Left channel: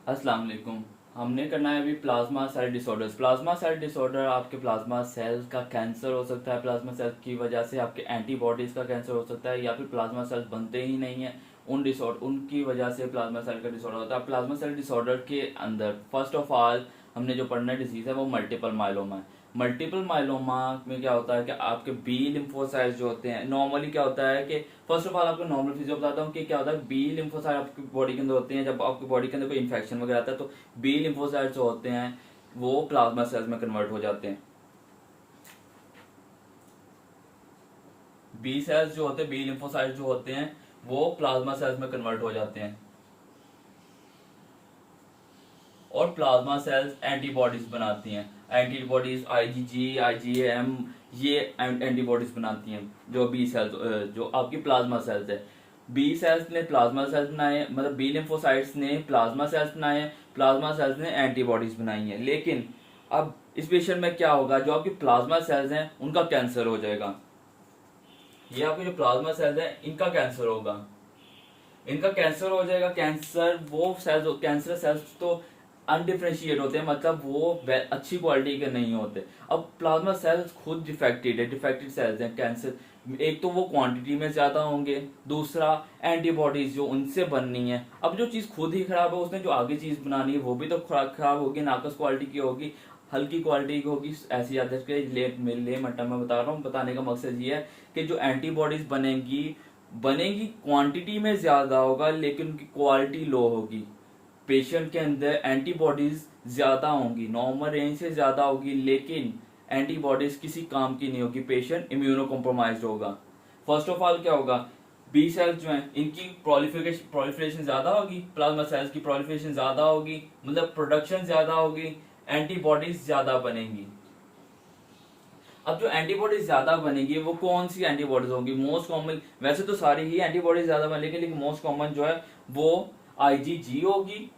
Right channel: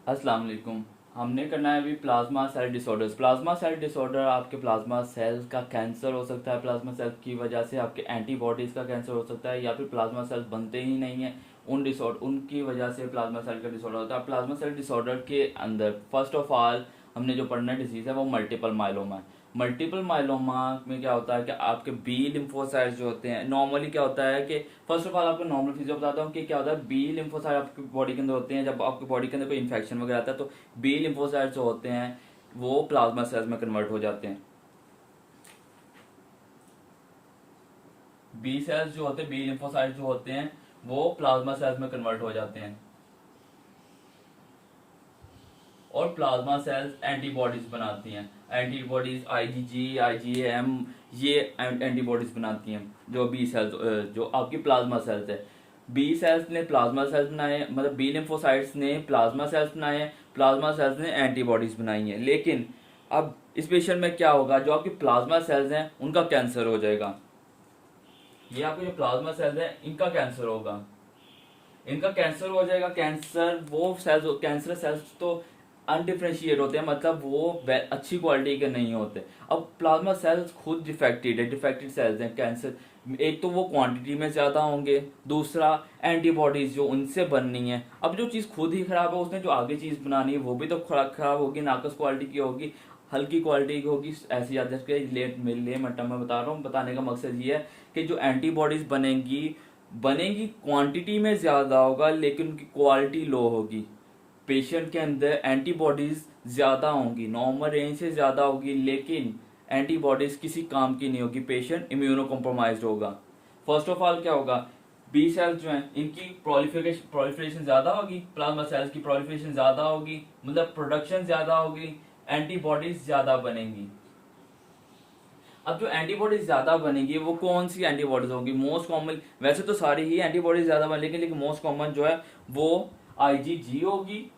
अस्सलाम वालेकुम। हमने करना है अभी plasma cell disorders. Plasma cell disorder आपके प्लाज्मा सेल का कैंसर हो सकता है, प्लाज्मा सेल की वजह से आपके एंटीबॉडीज का कैंसर हो सकता है, या फिर प्लाज्मा सेल बनते ही नहीं है उनकी वजह से प्लाज्मा सेल का डिसऑर्डर होता है। प्लाज्मा सेल डिसऑर्डर के अंदर फर्स्ट ऑफ ऑल हमने जो पढ़ना डिजीज है वो मल्टीपल माइलोमा है। मल्टीपल माइलोमा में क्या होता है कि आपके बी लिम्फोसाइट्स जो होते हैं, नॉर्मली क्या होता है कि फर्स्ट ऑफ ऑल आपको नॉर्मल फिजियो बताता हूँ कि क्या होता है। बी लिम्फोसाइट आपकी बॉडी के अंदर होते हैं, जब आपकी बॉडी के अंदर कोई इन्फेक्शन वगैरह आता है तो बी लिम्फोसाइट्स जो होते हैं वो प्लाज्मा सेल्स में कन्वर्ट हो जाते हैं। बी सेल्स जो होते हैं, बी लिम्फोसाइट्स जो होते हैं वो प्लाज्मा सेल्स में कन्वर्ट हो जाते हैं, और प्लाज्मा सेल्स एंटीबॉडीज बनाती हैं। एंटीबॉडीज आईजीजी, आईजीएम, ये एंटीबॉडीज बनाती हैं। जो बी सेल्स, जो आपकी प्लाज्मा सेल्स है, बी सेल्स ने प्लाज्मा सेल्स बनाए, मतलब बी लिम्फोसाइट्स ने प्लाज्मा सेल्स बनाए हैं, प्लाज्मा सेल्स ने एंटीबॉडीज बनाई हैं। लेकिन अब इस पेशेंट में क्या होगा, जो आपकी प्लाज्मा सेल्स हैं उनका कैंसर हो जाएगा। ये आपके जो प्लाज्मा सेल्स हैं इनका कैंसर होगा, इनका कैंसर हो जाएगा। कैंसर वो सेल्स, कैंसर सेल्स तो अनडिफ्रेंशिएट होते हैं, मतलब वो अच्छी क्वालिटी के नहीं होते। अब प्लाज्मा सेल्स खुद डिफेक्टेड है, डिफेक्टेड सेल्स हैं कैंसर। एक तो वो क्वांटिटी में ज्यादा होंगे, दूसरा एंटीबॉडीज जो उनसे बननी है। अब जो चीज खुद ही खराब है उसने जो आगे चीज बनानी है वो भी तो खराब होगी, नाकस क्वालिटी की होगी, हल्की क्वालिटी की होगी। ऐसी आदत के ले मट्टा में बता रहा हूँ। बताने का मकसद ये है कि जो एंटीबॉडीज बनेंगी बनेगी क्वांटिटी में ज्यादा होगा, लेकिन उनकी क्वालिटी लो होगी। पेशेंट के अंदर एंटीबॉडीज ज्यादा होंगी, नॉर्मल रेंज से ज्यादा होगी, लेकिन एंटीबॉडीज किसी काम की नहीं होगी, पेशेंट इम्यूनो कॉम्प्रोमाइज होगा। फर्स्ट ऑफ ऑल क्या होगा, बी सेल्स जो हैं इनकी प्रोलिफरेशन ज्यादा होगी, प्लाज्मा सेल्स की प्रोलिफरेशन ज्यादा होगी, मतलब प्रोडक्शन ज्यादा होगी, एंटीबॉडीज ज्यादा बनेंगी। अब जो एंटीबॉडीज ज्यादा बनेगी वो कौन सी एंटीबॉडीज होंगी, मोस्ट कॉमन, वैसे तो सारी ही एंटीबॉडीज ज्यादा बनेगी, लेकिन मोस्ट कॉमन जो है वो आईजीजी होगी।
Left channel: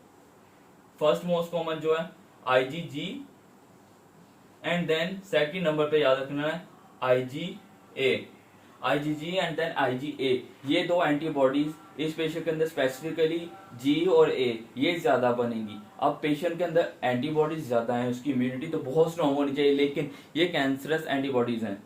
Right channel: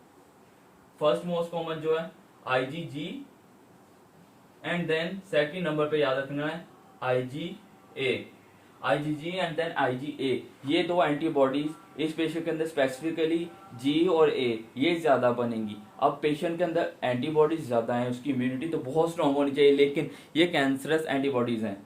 फर्स्ट मोस्ट कॉमन जो है IgG, and then second number पे याद रखना है IgA. IgG and then IgA, ये दो एंटीबॉडीज इस पेशेंट के अंदर स्पेसिफिकली जी और ए ये ज्यादा बनेंगी। अब पेशेंट के अंदर एंटीबॉडीज ज्यादा है, उसकी इम्यूनिटी तो बहुत स्ट्रांग होनी चाहिए, लेकिन ये कैंसरस एंटीबॉडीज हैं,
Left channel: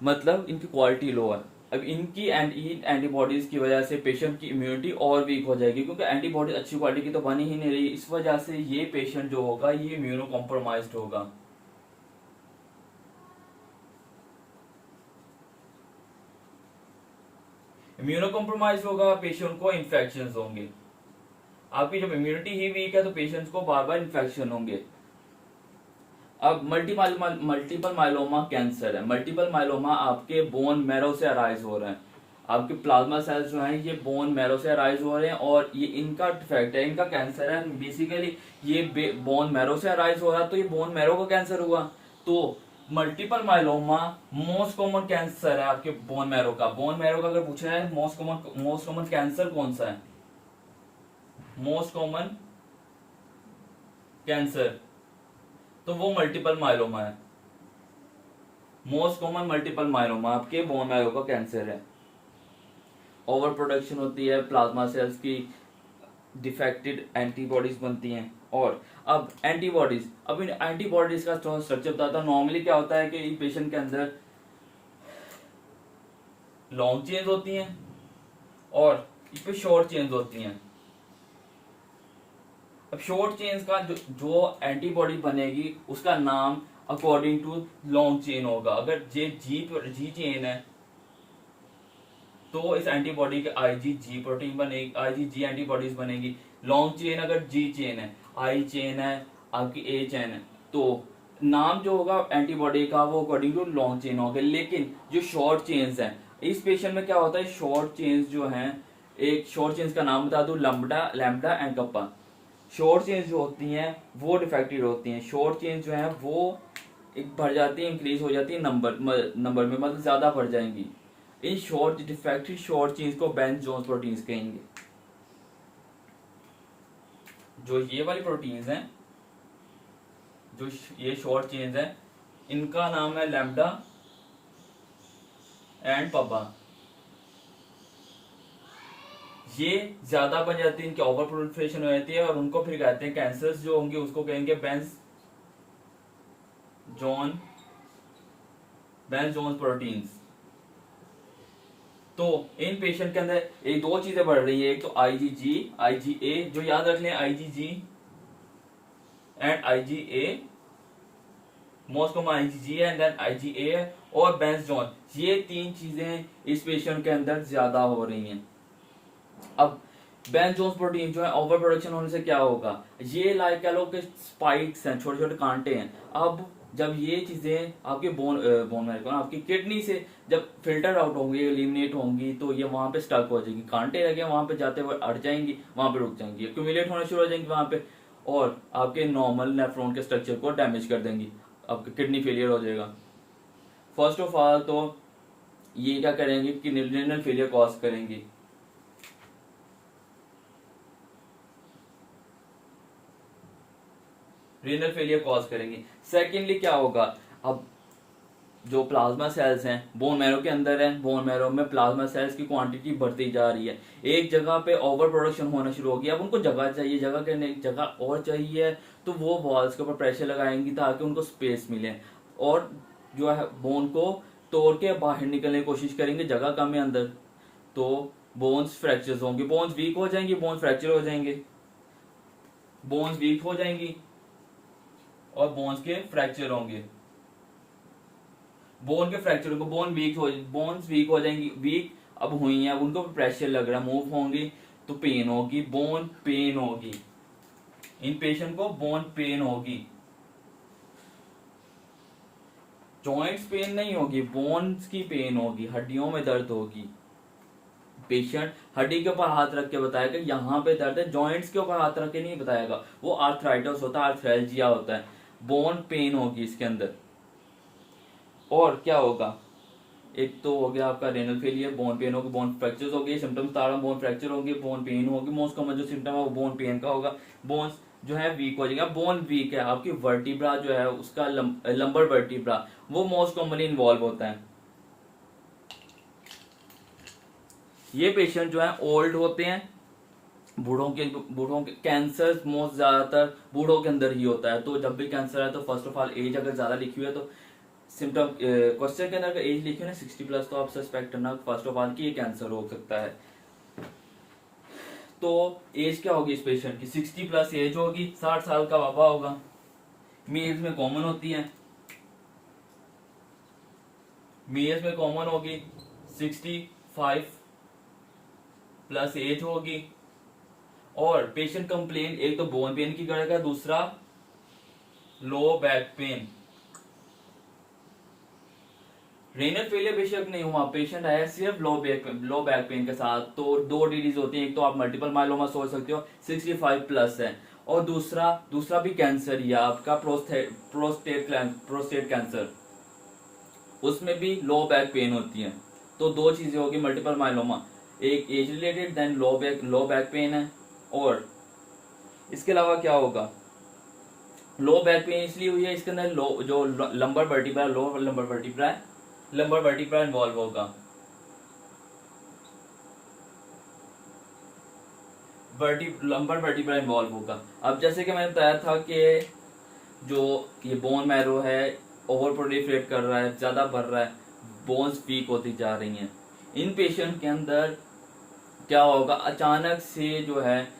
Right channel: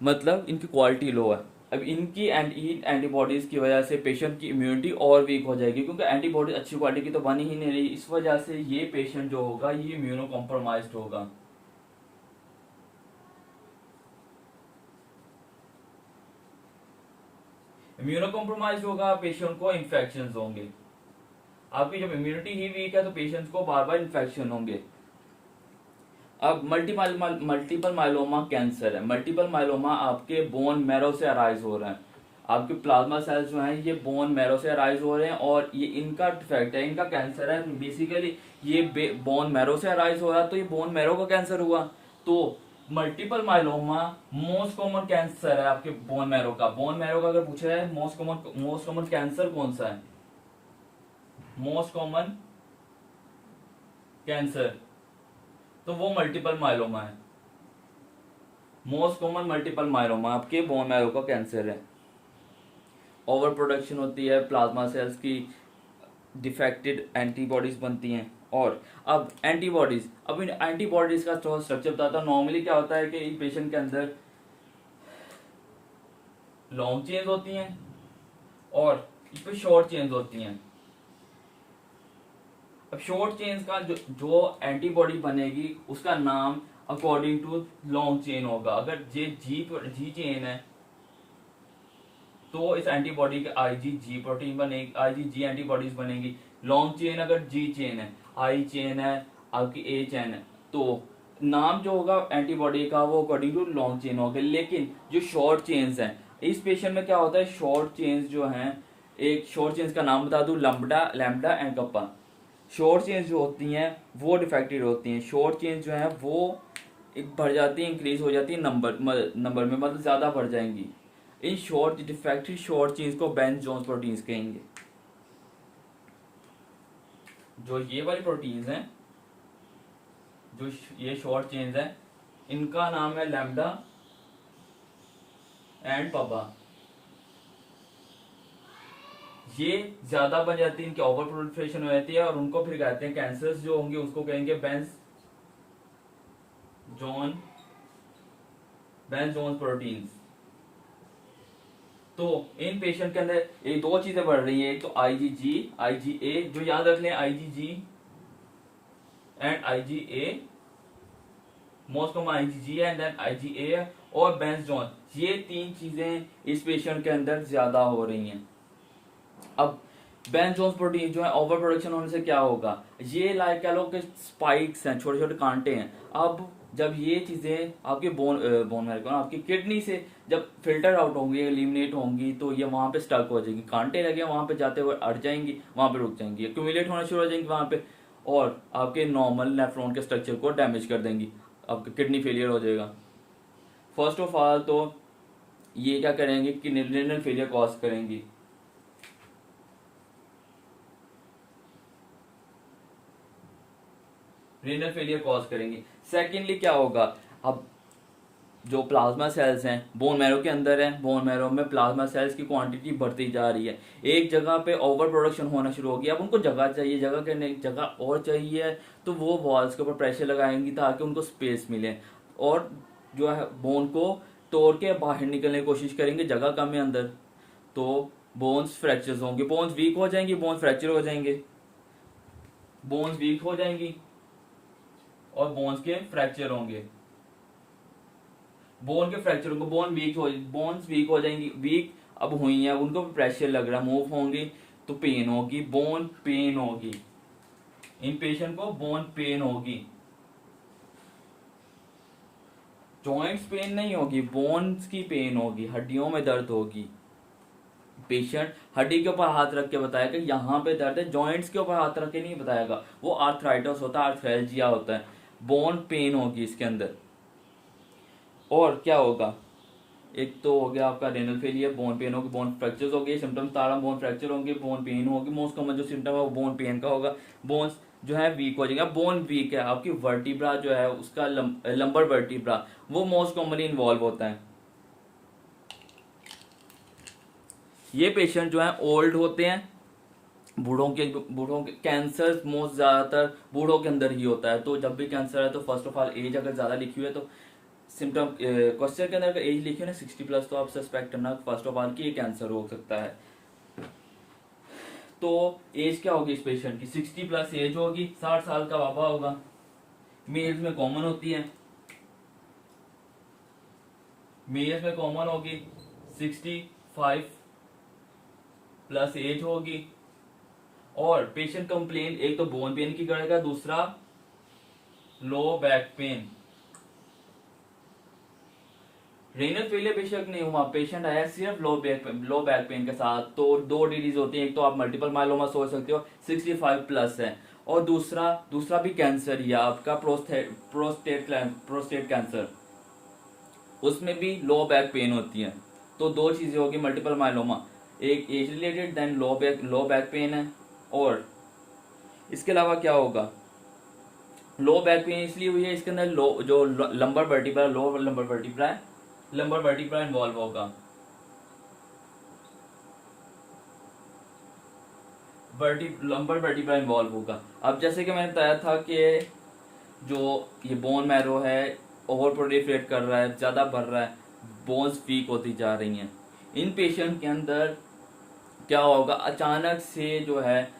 मतलब इनकी क्वालिटी लो है। अब इनकी एंटीबॉडीज की वजह से पेशेंट की इम्यूनिटी और वीक हो जाएगी, क्योंकि एंटीबॉडी अच्छी क्वालिटी की तो बनी ही नहीं रही। इस वजह से ये पेशेंट जो होगा ये इम्यूनो कॉम्प्रोमाइज्ड होगा। इम्यूनो कॉम्प्रोमाइज होगा, पेशेंट को इन्फेक्शन होंगे। आपकी जब इम्यूनिटी ही वीक है तो पेशेंट्स को बार बार इन्फेक्शन होंगे। अब मल्टीपल माइलोमा कैंसर है। मल्टीपल माइलोमा आपके बोन मैरो से अराइज हो रहे हैं। आपके प्लाज्मा सेल्स जो हैं ये बोन मैरो से अराइज हो रहे हैं, और ये इनका डिफेक्ट है, इनका कैंसर है। बेसिकली ये बोन मैरो से अराइज हो रहा है, तो ये बोन मैरो का कैंसर हुआ। तो multiple myeloma most common cancer है आपके बोन मैरो का। बोन मैरो का अगर पूछा जाए मोस्ट कॉमन कैंसर कौन सा है, मोस्ट कॉमन कैंसर, तो वो मल्टीपल माइलोमा है। मोस्ट कॉमन मल्टीपल माइलोमा आपके बोन मैरो का कैंसर है। ओवर प्रोडक्शन होती है प्लाज्मा सेल्स की, डिफेक्टेड एंटीबॉडीज बनती हैं। और अब एंटीबॉडीज, अब इन एंटीबॉडीज का थोड़ा स्ट्रक्चर बताता हूँ। नॉर्मली क्या होता है कि पेशेंट के अंदर लॉन्ग चेन्स होती हैं और इस पे शॉर्ट चेन्स होती हैं। अब शॉर्ट चेन्स का जो एंटीबॉडी बनेगी उसका नाम अकॉर्डिंग टू लॉन्ग चेन होगा। अगर जी चेन है तो इस एंटीबॉडी के आईजीजी प्रोटीन बनेगी, आईजीजी एंटीबॉडीज बनेगी। लॉन्ग चेन अगर जी चेन है, आई चेन है, आपकी ए चेन है, तो नाम जो होगा एंटीबॉडी का वो अकॉर्डिंग टू लॉन्ग चेन होगा। लेकिन जो शॉर्ट चेन्स हैं, इस पेशेंट में क्या होता है, शॉर्ट चेन्स जो हैं, एक शॉर्ट चेन्स का नाम बता दूं, lambda, lambda and kappa. Short chains जो होती हैं वो डिफेक्टेड होती हैं। शॉर्ट चेन्स जो हैं वो बढ़ जाती है, इंक्रीज हो जाती है नंबर में, मतलब ज्यादा बढ़ जाएंगी। In short defective short chains को बेंज जोन्स प्रोटीन्स कहेंगे। जो ये वाली प्रोटीन्स हैं, जो ये शॉर्ट चेन्स हैं, इनका नाम है लैम्बडा एंड पब्बा। ये ज्यादा बन जाती है, इनकी ओवर प्रोलिफरेशन हो जाती है और उनको फिर कहते हैं कैंसर्स जो होंगे उसको कहेंगे बेंज जोन्स प्रोटीन्स। तो इन पेशेंट के अंदर एक दो चीजें बढ़ रही है, एक तो आईजीजी आईजीए, जो याद रख लें IgG and IgA, most common IgG and then IgA और बेंज जोन, ये तीन चीजें इस पेशेंट के अंदर ज्यादा हो रही हैं। अब बेंज जोन्स प्रोटीन जो है ओवर प्रोडक्शन होने से क्या होगा, ये लाइक कह लो कि स्पाइक्स हैं, छोटे छोटे कांटे हैं। अब जब ये चीजें आपके बोन मैरो आपकी किडनी से जब फिल्टर आउट होंगी, एलिमिनेट होंगी, तो ये वहां पे स्टक हो जाएगी, कांटे लगे वहां पे जाते हुए अट जाएंगी, वहां पे रुक जाएंगी, एक्यूमुलेट होना शुरू हो जाएंगी वहां पे और आपके नॉर्मल नेफ्रॉन के स्ट्रक्चर को डैमेज कर देंगी, आपका किडनी फेलियर हो जाएगा। फर्स्ट ऑफ ऑल तो ये क्या करेंगे कि रीनल फेलियर कॉज करेंगी। रीनल फेलियर कॉज करेंगे। सेकेंडली क्या होगा, अब जो प्लाज्मा सेल्स हैं बोन मैरो के अंदर है, बोन मैरो में प्लाज्मा सेल्स की क्वांटिटी बढ़ती जा रही है, एक जगह पे ओवर प्रोडक्शन होना शुरू हो गया। अब उनको जगह चाहिए, जगह करने जगह और चाहिए, तो वो वॉल्स के ऊपर प्रेशर लगाएंगी ताकि उनको स्पेस मिले और जो है बोन को तोड़ के बाहर निकलने की कोशिश करेंगे, जगह कम है अंदर, तो बोन्स फ्रैक्चर्स होंगे, बोन्स वीक हो जाएंगी, बोन्स फ्रैक्चर हो जाएंगे, बोन्स वीक हो जाएंगी और बोन्स के फ्रैक्चर होंगे, बोन के फ्रैक्चर होंगे, बोन्स वीक हो जाएंगी, वीक अब हुई है, उनको प्रेशर लग रहा है, मूव होंगी तो पेन होगी, बोन पेन होगी, इन पेशेंट को बोन पेन होगी, जॉइंट्स पेन नहीं होगी, बोन्स की पेन होगी, हड्डियों में दर्द होगी। पेशेंट हड्डी के ऊपर हाथ रख के बताएगा यहाँ पे दर्द है, जॉइंट्स के ऊपर हाथ रख के नहीं बताएगा, वो आर्थराइटिस होता है, आर्थरेल्जिया होता है, बोन पेन होगी इसके अंदर। और क्या होगा, एक तो हो गया आपका रेनल फेलियर, बोन पेन होगी, बोन फ्रैक्चर्स हो गए, सिम्टम्स तारा बोन फ्रैक्चर होंगे, बोन पेन होगी, मोस्ट कॉमन जो सिम्टम है वो बोन पेन का होगा, बोन्स जो है वीक हो जाएगा। बोन वीक है, आपकी वर्टिब्रा जो है उसका लंबर वर्टिब्रा वो मोस्ट कॉमनली इन्वॉल्व होता है। ये पेशेंट जो है ओल्ड होते हैं, बूढ़ों के कैंसर मोस्ट ज्यादातर बूढ़ों के अंदर ही होता है। तो जब भी कैंसर है तो फर्स्ट ऑफ ऑल एज अगर ज्यादा लिखी हुई है तो सिम्टम क्वेश्चन के अंदर अगर एज लिखी है ना 60+, तो आप सस्पेक्ट करना फर्स्ट ऑफ ऑल कि ये कैंसर हो सकता है। तो एज क्या होगी इस पेशेंट की, 60+ एज होगी, 60 साल का बाबा होगा, मेल्स में कॉमन होती है, मेल्स में कॉमन होगी, 65+ एज होगी। और पेशेंट कंप्लेन एक तो बोन पेन की करेगा, दूसरा लो बैक पेन। रेनल फेलियर बेशक नहीं हुआ, पेशेंट आया सिर्फ लो बैक पेन के साथ, तो दो डिजीज होती है, एक तो आप मल्टीपल माइलोमा सोच सकते हो 65+ है, और दूसरा भी कैंसर ही है आपका प्रोस्टेट कैंसर, उसमें भी लो बैक पेन होती है। तो दो चीजें होगी मल्टीपल माइलोमा, एक age related then low back pain है। और इसके अलावा क्या होगा, लो बैक पेन इसलिए हुई है, इसके अंदर जो लंबर वर्टिब्रा इन्वॉल्व होगा, लंबर वर्टिब्रा इन्वॉल्व होगा। अब जैसे कि मैंने बताया था कि जो ये बोन मैरो है ओवर प्रोलिफरेट कर रहा है, ज्यादा बढ़ रहा है, बोन्स वीक होती जा रही हैं। इन पेशेंट के अंदर क्या होगा, अचानक से जो है,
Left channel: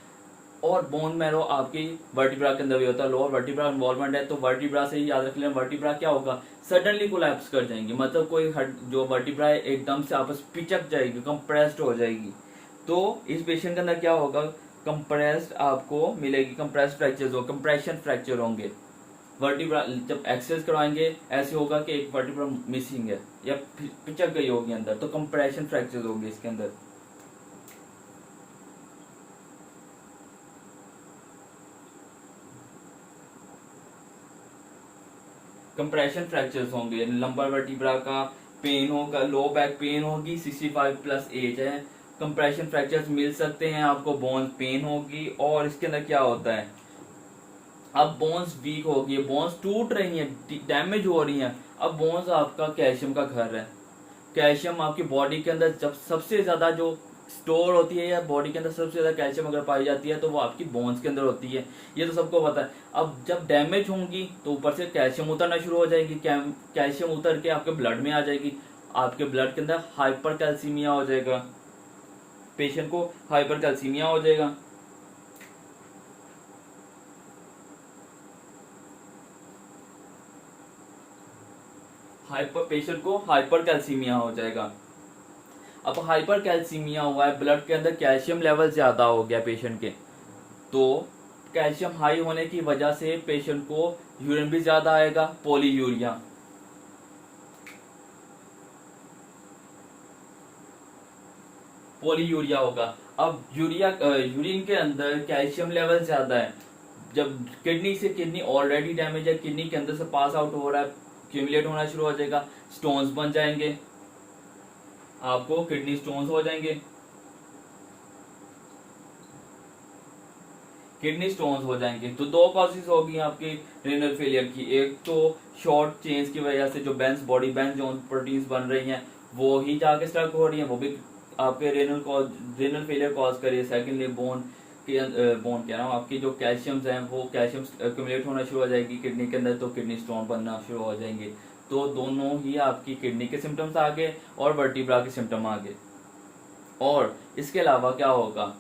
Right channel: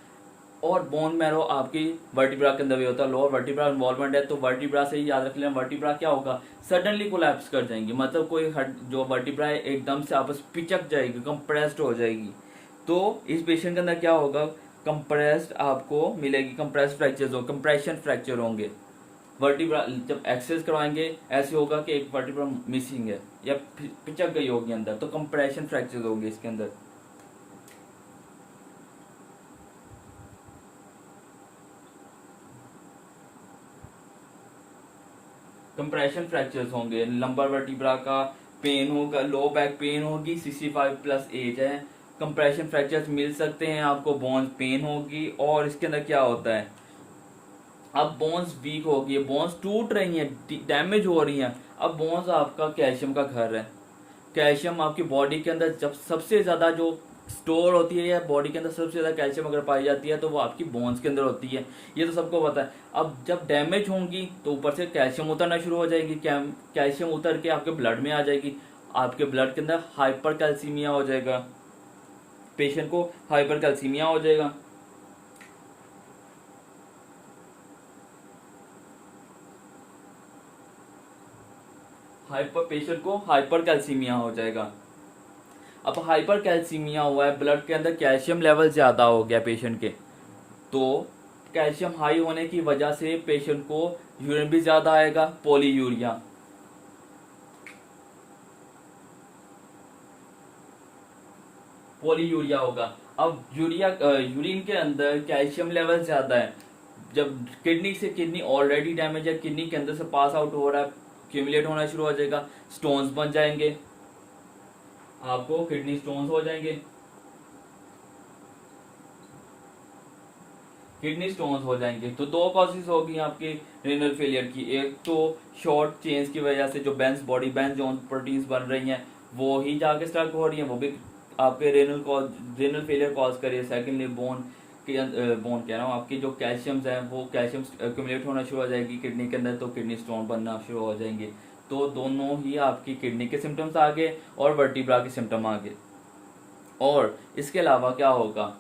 और बोन मैरो आपकी वर्टिब्रा के अंदर भी होता है, लोअर वर्टिब्रा इन्वॉल्वमेंट है, तो वर्टिब्रा से ही याद रख लें, वर्टिब्रा क्या होगा, सडनली कोलैप्स कर जाएंगे, मतलब कोई जो वर्टिब्रा है एकदम से आपस पिचक जाएगी, कंप्रेस्ड हो जाएगी। तो इस पेशेंट के अंदर क्या होगा, कंप्रेस्ड आपको मिलेगी, कंप्रेस्ड फ्रैक्चर्स हो, कंप्रेशन फ्रैक्चर होंगे। वर्टिब्रा जब एक्सरसाइज करवाएंगे ऐसे होगा कि एक वर्टिब्रा मिसिंग है या पिचक गई होगी अंदर, तो कंप्रेशन फ्रैक्चर होंगे इसके अंदर। कंप्रेशन फ्रैक्चर्स होंगे, लंबर वर्टिब्रा का पेन होगा, लो बैक पेन होगी, 65+ एज है, कंप्रेशन फ्रैक्चर्स मिल सकते हैं आपको, बोन्स पेन होगी। और इसके अंदर क्या होता है, अब बोन्स वीक होगी, बोन्स टूट रही हैं, डैमेज हो रही हैं। अब बोन्स आपका कैल्शियम का घर है, कैल्शियम आपकी बॉडी के अंदर जब सबसे ज्यादा जो स्टोर होती है या बॉडी के अंदर सबसे ज्यादा कैल्शियम अगर पाई जाती है तो वो आपकी बोन्स के अंदर होती है, ये तो सबको पता है। अब जब डैमेज होंगी तो ऊपर से कैल्शियम उतरना शुरू हो जाएगी, कैल्शियम उतर के आपके ब्लड में आ जाएगी, आपके ब्लड के अंदर हाइपर कैल्सीमिया हो जाएगा, पेशेंट को हाइपर कैल्सीमिया हो जाएगा। पेशेंट को हाइपर कैल्सीमिया हो जाएगा। अब हाइपर कैल्सीमिया हुआ है, ब्लड के अंदर कैल्शियम लेवल ज्यादा हो गया पेशेंट के, तो कैल्शियम हाई होने की वजह से पेशेंट को यूरिन भी ज्यादा आएगा, पॉलीयूरिया। पॉलीयूरिया होगा। अब यूरिन के अंदर कैल्शियम लेवल ज्यादा है, जब किडनी से, किडनी ऑलरेडी डैमेज है, किडनी के अंदर से पास आउट हो रहा है, क्यूमुलेट होना शुरू हो जाएगा, स्टोन्स बन जाएंगे, आपको किडनी स्टोन्स हो जाएंगे, किडनी स्टोन्स हो जाएंगे। तो दो कॉजेज होगी आपकी रेनल फेलियर की, एक तो शॉर्ट चेन्स की वजह से जो बेंस बॉडी बेंस जोन प्रोटीन्स बन रही हैं वो ही जाके स्टक हो रही हैं, वो भी आपके रेनल फेलियर कॉज करिए। सेकेंडली बोन कह रहा हूँ, आपकी जो कैल्शियम्स हैं वो कैल्शियम एक्यूमुलेट होना शुरू हो जाएगी किडनी के अंदर, तो किडनी स्टोन बनना शुरू हो जाएंगे। तो दोनों ही आपकी किडनी के सिम्टम्स आगे और वर्टिब्रा के सिम्टम आगे। और इसके अलावा क्या होगा,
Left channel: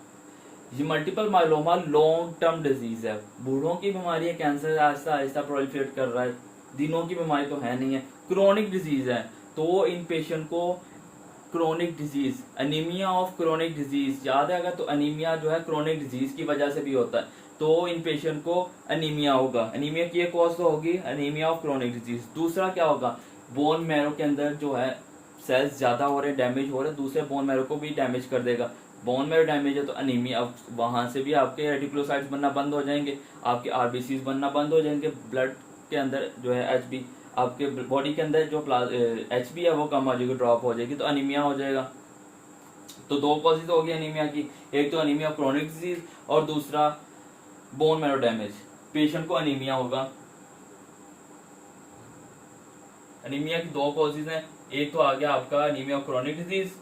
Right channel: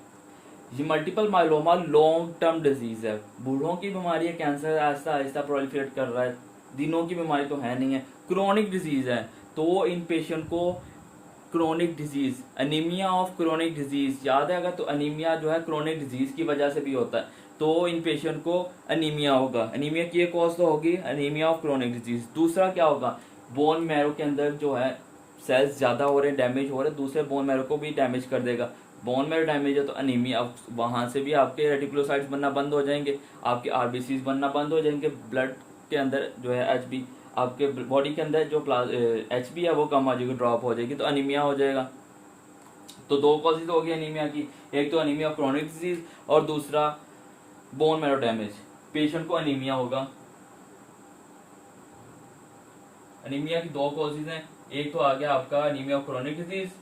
ये multiple myeloma long term disease है, बूढ़ों की बीमारी है, कैंसर आहिस्ता आहिस्ता प्रोलिफरेट कर रहा है, दिनों की बीमारी तो है नहीं है, क्रोनिक डिजीज है। तो इन पेशेंट को chronic disease, anaemia of chronic disease याद है, अगर तो अनीमिया जो है क्रोनिक डिजीज की वजह से भी होता है, तो इन पेशेंट को अनीमिया होगा। अनीमिया की एक कॉज तो होगी अनीमिया ऑफ क्रोनिक डिजीज। दूसरा क्या होगा, बोन मैरो के अंदर जो है सेल्स ज्यादा हो रहे हैं, डैमेज हो रहे हैं, दूसरे बोन मैरो को भी डैमेज कर देगा। बोन मैरो डैमेज है तो अनीमिया, वहां से भी आपके रेटिकुलोसाइट्स बनना बंद हो जाएंगे, आपके आरबीसीज बनना बंद हो जाएंगे, ब्लड के अंदर जो है एचबी, आपके बॉडी के अंदर जो एचबी है वो कम हो जाएगी, ड्रॉप हो जाएगी, तो अनीमिया हो जाएगा। तो दो कॉजेज हो गई अनीमिया की, एक तो अनीमिया क्रोनिक डिजीज और दूसरा बोन मैरो डैमेज। पेशेंट को अनीमिया होगा। अनीमिया की दो कॉजेज हैं, एक तो आ गया आपका अनीमिया क्रोनिक डिजीज,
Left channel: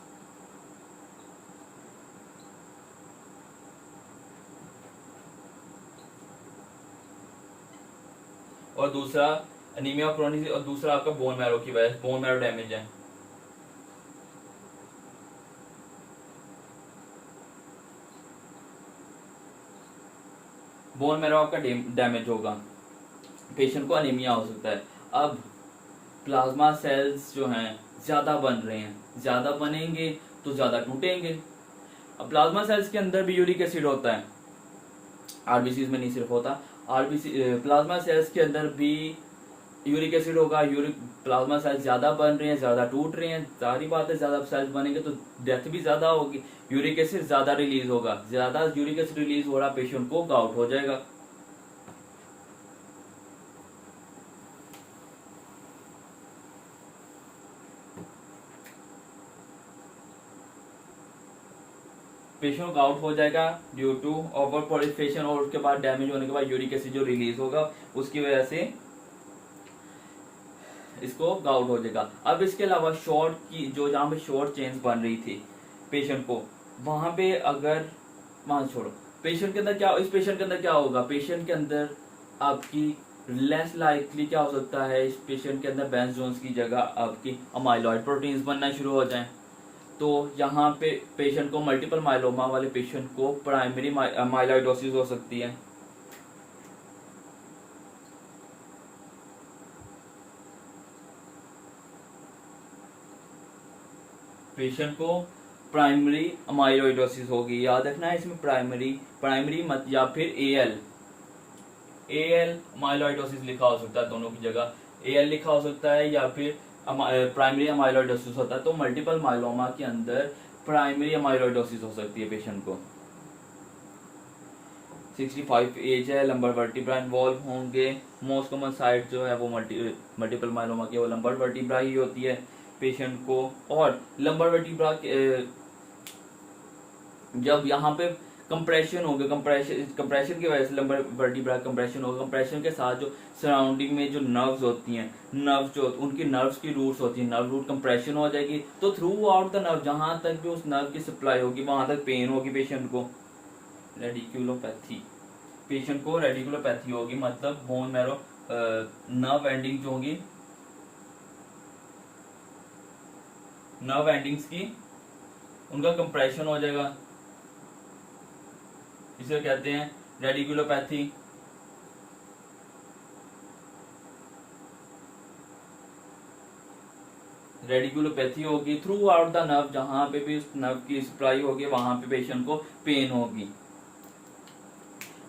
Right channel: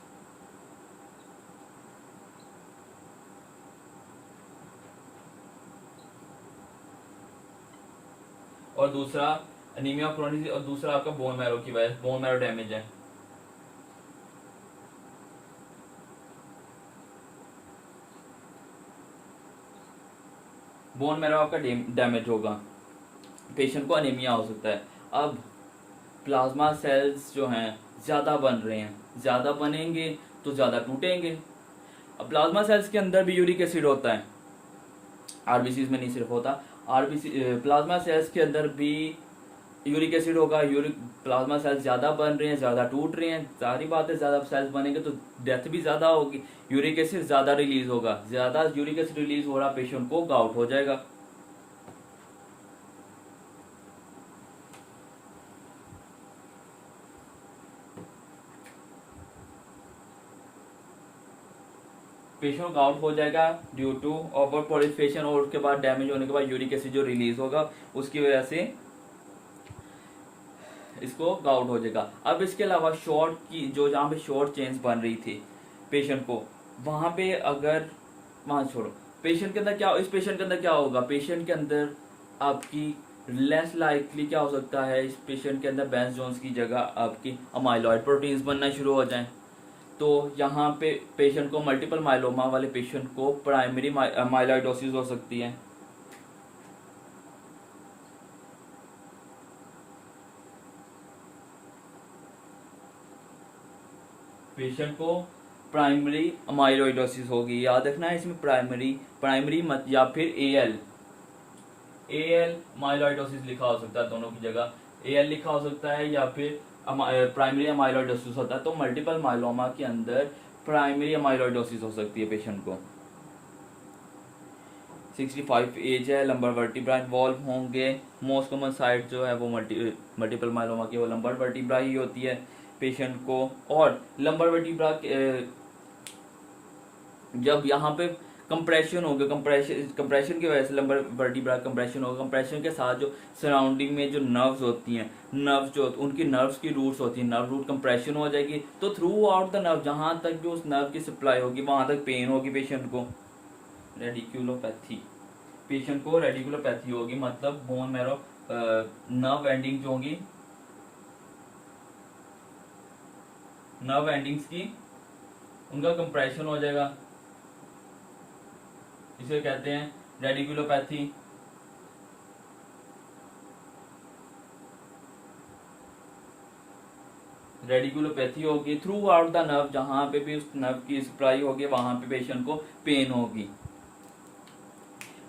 और दूसरा अनीमिया क्रोनिक, और दूसरा आपका बोन मैरो की वजह, बोन मैरो डैमेज है। बोन मैरो आपका डैमेज होगा, पेशेंट को अनीमिया हो सकता है। अब प्लाज्मा सेल्स जो हैं ज्यादा बन रहे हैं, ज्यादा बनेंगे तो ज्यादा टूटेंगे। अब प्लाज्मा सेल्स के अंदर भी यूरिक एसिड होता है, आरबीसी में नहीं सिर्फ होता, आरबीसी प्लाज्मा सेल्स के अंदर भी यूरिक एसिड होगा। यूरिक प्लाज्मा सेल्स ज्यादा बन रहे हैं, ज्यादा टूट रहे हैं, सारी बात है, ज्यादा सेल्स बनेंगे तो डेथ भी ज्यादा होगी, यूरिक एसिड ज्यादा रिलीज होगा, ज्यादा यूरिक एसिड रिलीज हो रहा, पेशेंट को गाउट हो जाएगा। पेशेंट आउट हो जाएगा ड्यू टू ओवर प्रोलिफरेशन, और उसके बाद डैमेज होने के बाद यूरिक एसिड जो रिलीज होगा उसकी वजह से इसको गाउट हो जाएगा। अब इसके अलावा शॉर्ट की जो जहाँ पे शॉर्ट चेन्स बन रही थी पेशेंट को, वहां पे अगर वहां छोड़ो, पेशेंट के अंदर क्या, इस पेशेंट के अंदर क्या होगा, पेशेंट के अंदर आपकी लेस लाइकली क्या हो सकता है, इस पेशेंट के अंदर बेंस जोन्स की जगह आपकी अमाइलॉइड प्रोटीन्स बनना शुरू हो जाएं। तो यहाँ पे पेशेंट को, मल्टीपल माइलोमा वाले पेशेंट को प्राइमरी माइलॉइडोसिस हो सकती है। पेशेंट को प्राइमरी अमाइलॉइडोसिस होगी, याद रखना है इसमें प्राइमरी मत या फिर एएल माइलॉइडोसिस लिखा हो सकता है, दोनों की जगह एएल लिखा हो सकता है या फिर प्राइमरी अमाइलॉइडोसिस होता है। तो मल्टीपल माइलोमा के अंदर प्राइमरी अमाइलॉइडोसिस हो सकती है पेशेंट को। 65 एज है, लंबर वर्टिब्रा इन्वॉल्व होंगे, मोस्ट कॉमन साइट जो है वो मल्टीपल माइलोमा की वो लंबर वर्टिब्रा ही होती है पेशेंट को। और लंबर वर्टिब्रा जब यहाँ पे कंप्रेशन होगा, कंप्रेशन की वजह से लंबर वर्टिब्रा कंप्रेशन होगा। कंप्रेशन के साथ जो सराउंडिंग में जो नर्व्स होती हैं, नर्व्स जो उनकी नर्व्स की रूट्स होती हैं, नर्व रूट कंप्रेशन हो जाएगी, तो थ्रू आउट द नर्व जहां तक भी उस नर्व की सप्लाई होगी वहां तक पेन होगी पेशेंट को। रेडिकुलोपैथी, पेशेंट को रेडिकुलोपैथी होगी, मतलब बोन मैरो नर्व एंडिंग जो होंगी, नर्व एंडिंग्स की उनका कंप्रेशन हो जाएगा, इसे कहते हैं रेडिकुलोपैथी। रेडिकुलोपैथी होगी थ्रू आउट द नर्व, जहां पे भी उस नर्व की सप्लाई होगी वहां पे पेशेंट को पेन होगी।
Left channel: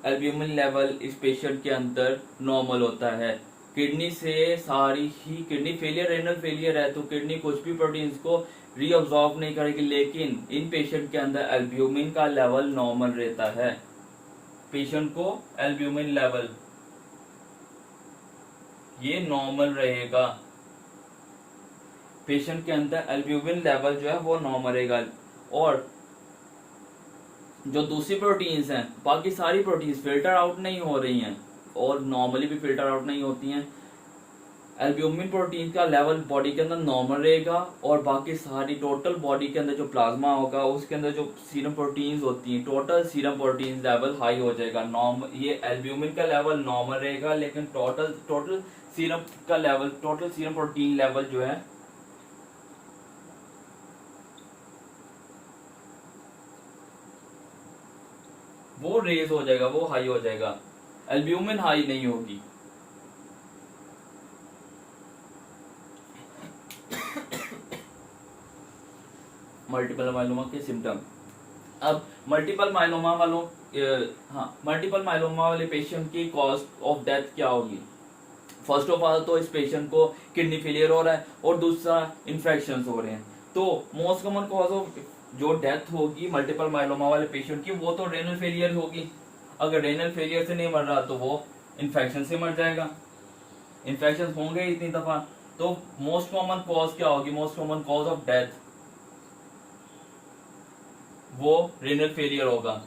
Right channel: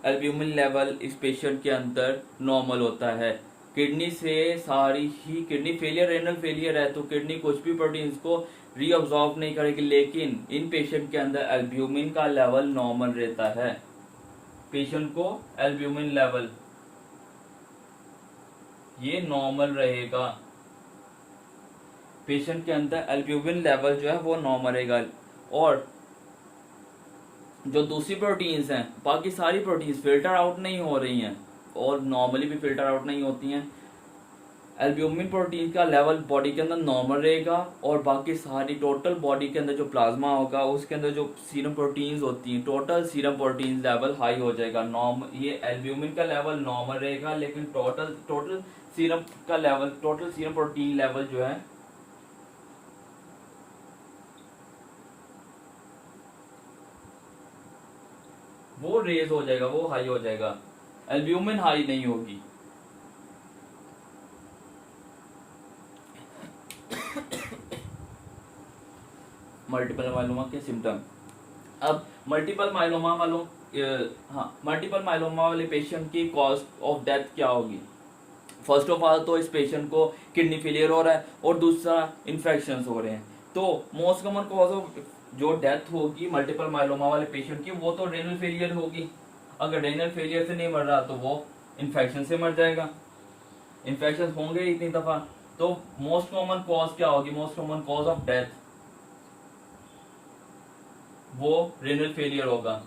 एल्ब्यूमिन लेवल इस पेशेंट के अंदर नॉर्मल होता है। किडनी से सारी ही किडनी फेलियर, रेनल फेलियर है तो किडनी कुछ भी प्रोटीन्स को रीअब्सॉर्ब नहीं करेगी, लेकिन इन पेशेंट के अंदर एल्ब्यूमिन का लेवल नॉर्मल रहता है। पेशेंट को एल्ब्यूमिन लेवल ये नॉर्मल रहेगा, पेशेंट के अंदर एल्ब्यूमिन लेवल जो है वो नॉर्मल रहेगा। और जो दूसरी प्रोटीन्स हैं, बाकी सारी प्रोटीन्स फिल्टर आउट नहीं हो रही हैं और नॉर्मली भी फिल्टर आउट नहीं होती हैं। एल्ब्यूमिन प्रोटीन का लेवल बॉडी के अंदर नॉर्मल रहेगा और बाकी सारी टोटल बॉडी के अंदर जो प्लाज्मा होगा उसके अंदर जो सीरम प्रोटीन्स होती हैं, total serum protein level high हो जाएगा। ये एल्ब्यूमिन का लेवल नॉर्मल रहेगा, लेकिन टोटल सीरम का level, total serum protein level जो है वो रेज हो जाएगा, वो हाई हो जाएगा, एल्ब्यूमिन हाई नहीं होगी। मल्टीपल माइलोमा के सिम्टम। अब मल्टीपल माइलोमा मल्टीपल माइलोमा वाले पेशेंट की कॉज ऑफ डेथ क्या होगी? फर्स्ट ऑफ ऑल तो इस पेशेंट को किडनी फेलियर हो रहा है और दूसरा इन्फेक्शन हो रहे हैं, तो मोस्ट कॉमन कॉज ऑफ जो डेथ होगी मल्टीपल माइलोमा वाले पेशेंट की वो तो रेनल फेलियर होगी। अगर रेनल फेलियर से नहीं मर रहा तो वो इन्फेक्शन से मर जाएगा। इन्फेक्शन होंगे इतनी दफा, तो मोस्ट कॉमन कॉज क्या होगी? Most common cause of death वो रेनल फेलियर होगा।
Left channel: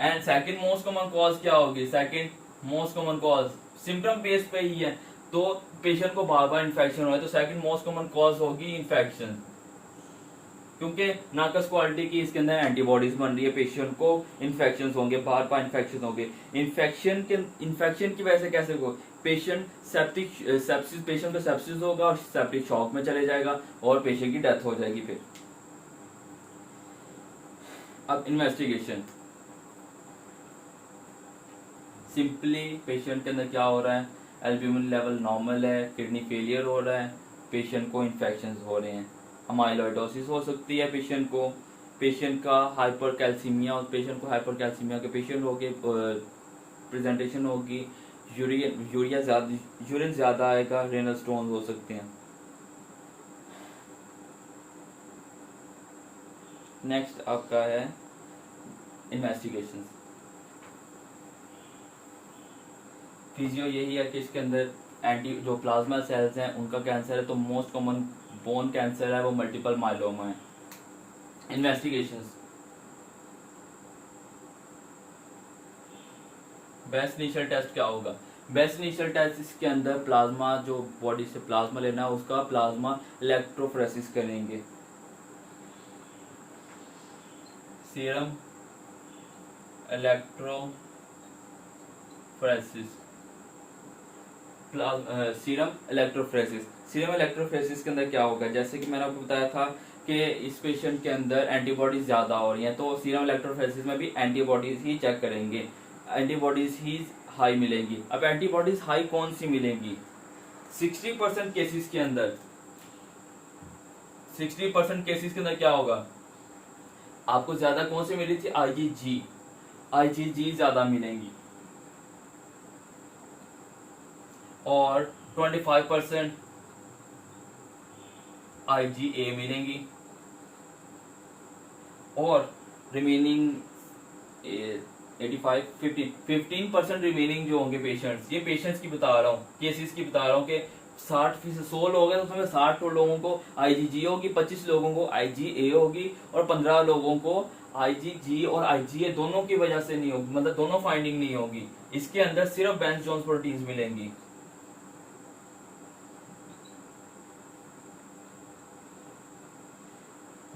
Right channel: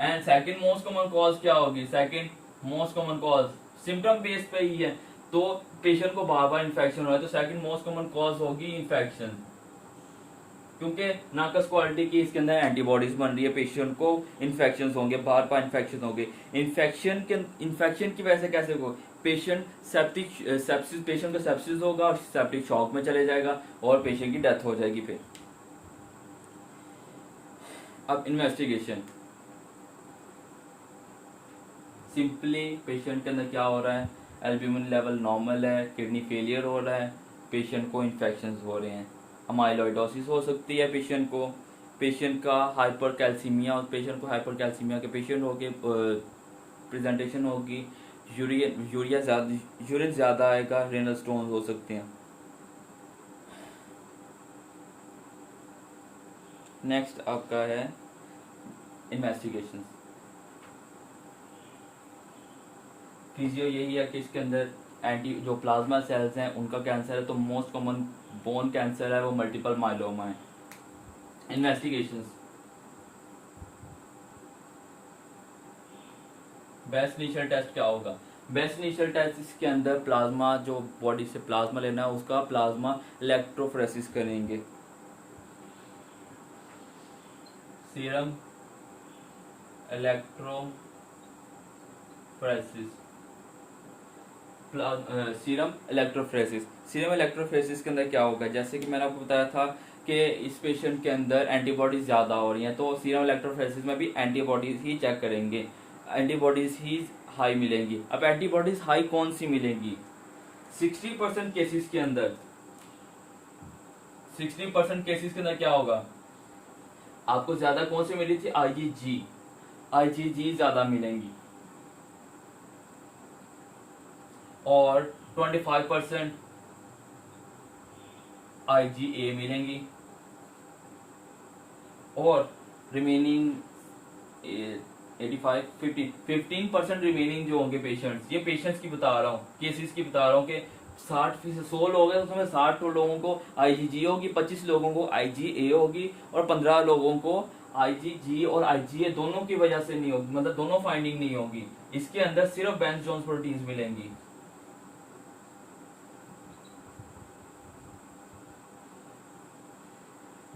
And second most common cause क्या होगी? Second most common cause symptom base पे ही है, तो पेशेंट को बार बार इन्फेक्शन हो रहा है तो सेकंड मोस्ट कॉमन कॉज होगी इन्फेक्शन, क्योंकि नाकस क्वालिटी की इसके अंदर एंटीबॉडीज बन रही है, पेशेंट को इन्फेक्शन होंगे, बार बार इन्फेक्शन होंगे। इन्फेक्शन की वजह से कैसे होगा? पेशेंट पेशेंट को सेप्सिस होगा और सेप्टिक शॉक में चले जाएगा और पेशेंट की डेथ हो जाएगी। फिर अब इन्वेस्टिगेशन, सिंपली पेशेंट के अंदर क्या हो रहा है? एल्ब्यूमिन लेवल नॉर्मल है, किडनी फेलियर हो रहा है, पेशेंट को इन्फेक्शन हो रहे हैं, अमाइलोइडोसिस हो सकती है पेशेंट को, पेशेंट का हाइपर कैल्सीमिया, पेशेंट को हाइपर कैल्सीमिया के पेशेंट होगी, प्रेजेंटेशन होगी, यूरिन ज्यादा आएगा, रेनल स्टोन हो सकते हैं। नेक्स्ट आपका है इन्वेस्टिगेशन। फिजियो यही है कि इसके अंदर जो प्लाज्मा सेल्स हैं उनका कैंसर है, तो मोस्ट कॉमन बोन कैंसर है वो मल्टीपल माइलोमा है। इन्वेस्टिगेशंस, बेस्ट इनिशियल टेस्ट क्या होगा? बेस्ट इनिशियल टेस्ट इसके अंदर प्लाज्मा, जो बॉडी से प्लाज्मा लेना है उसका प्लाज्मा इलेक्ट्रोफोरेसिस करेंगे। सीरम इलेक्ट्रोफोरेसिस, सीरम इलेक्ट्रोफोरेसिस के अंदर क्या होगा? जैसे कि मैंने आपको बताया था कि इस पेशेंट के अंदर एंटीबॉडीज ज्यादा हो रही हैं, तो सीरम इलेक्ट्रोफोरेसिस में भी एंटीबॉडीज ही चेक करेंगे, एंटीबॉडीज ही हाई मिलेंगी। अब एंटीबॉडीज हाई कौन सी मिलेंगी? 60% केसेस के अंदर, 60% केसेस के अंदर क्या होगा? आपको ज्यादा कौन सी मिली थी? आईजीजी ज्यादा मिलेंगी, और 25% आईजीए मिलेंगी, और रिमेनिंग 15% रिमेनिंग जो होंगे पेशेंट्स, ये पेशेंट्स की बता रहा हूँ, केसेस की बता रहा हूँ कि 60% 100 लोग हैं, उसमें 60 लोगों को IgG होगी, 25 लोगों को IgA होगी और 15 लोगों को IgG और IgA दोनों की वजह से नहीं होगी, मतलब दोनों फाइंडिंग नहीं होगी। इसके अंदर सिर्फ बेंज जोन्स प्रोटीन्स मिलेंगी।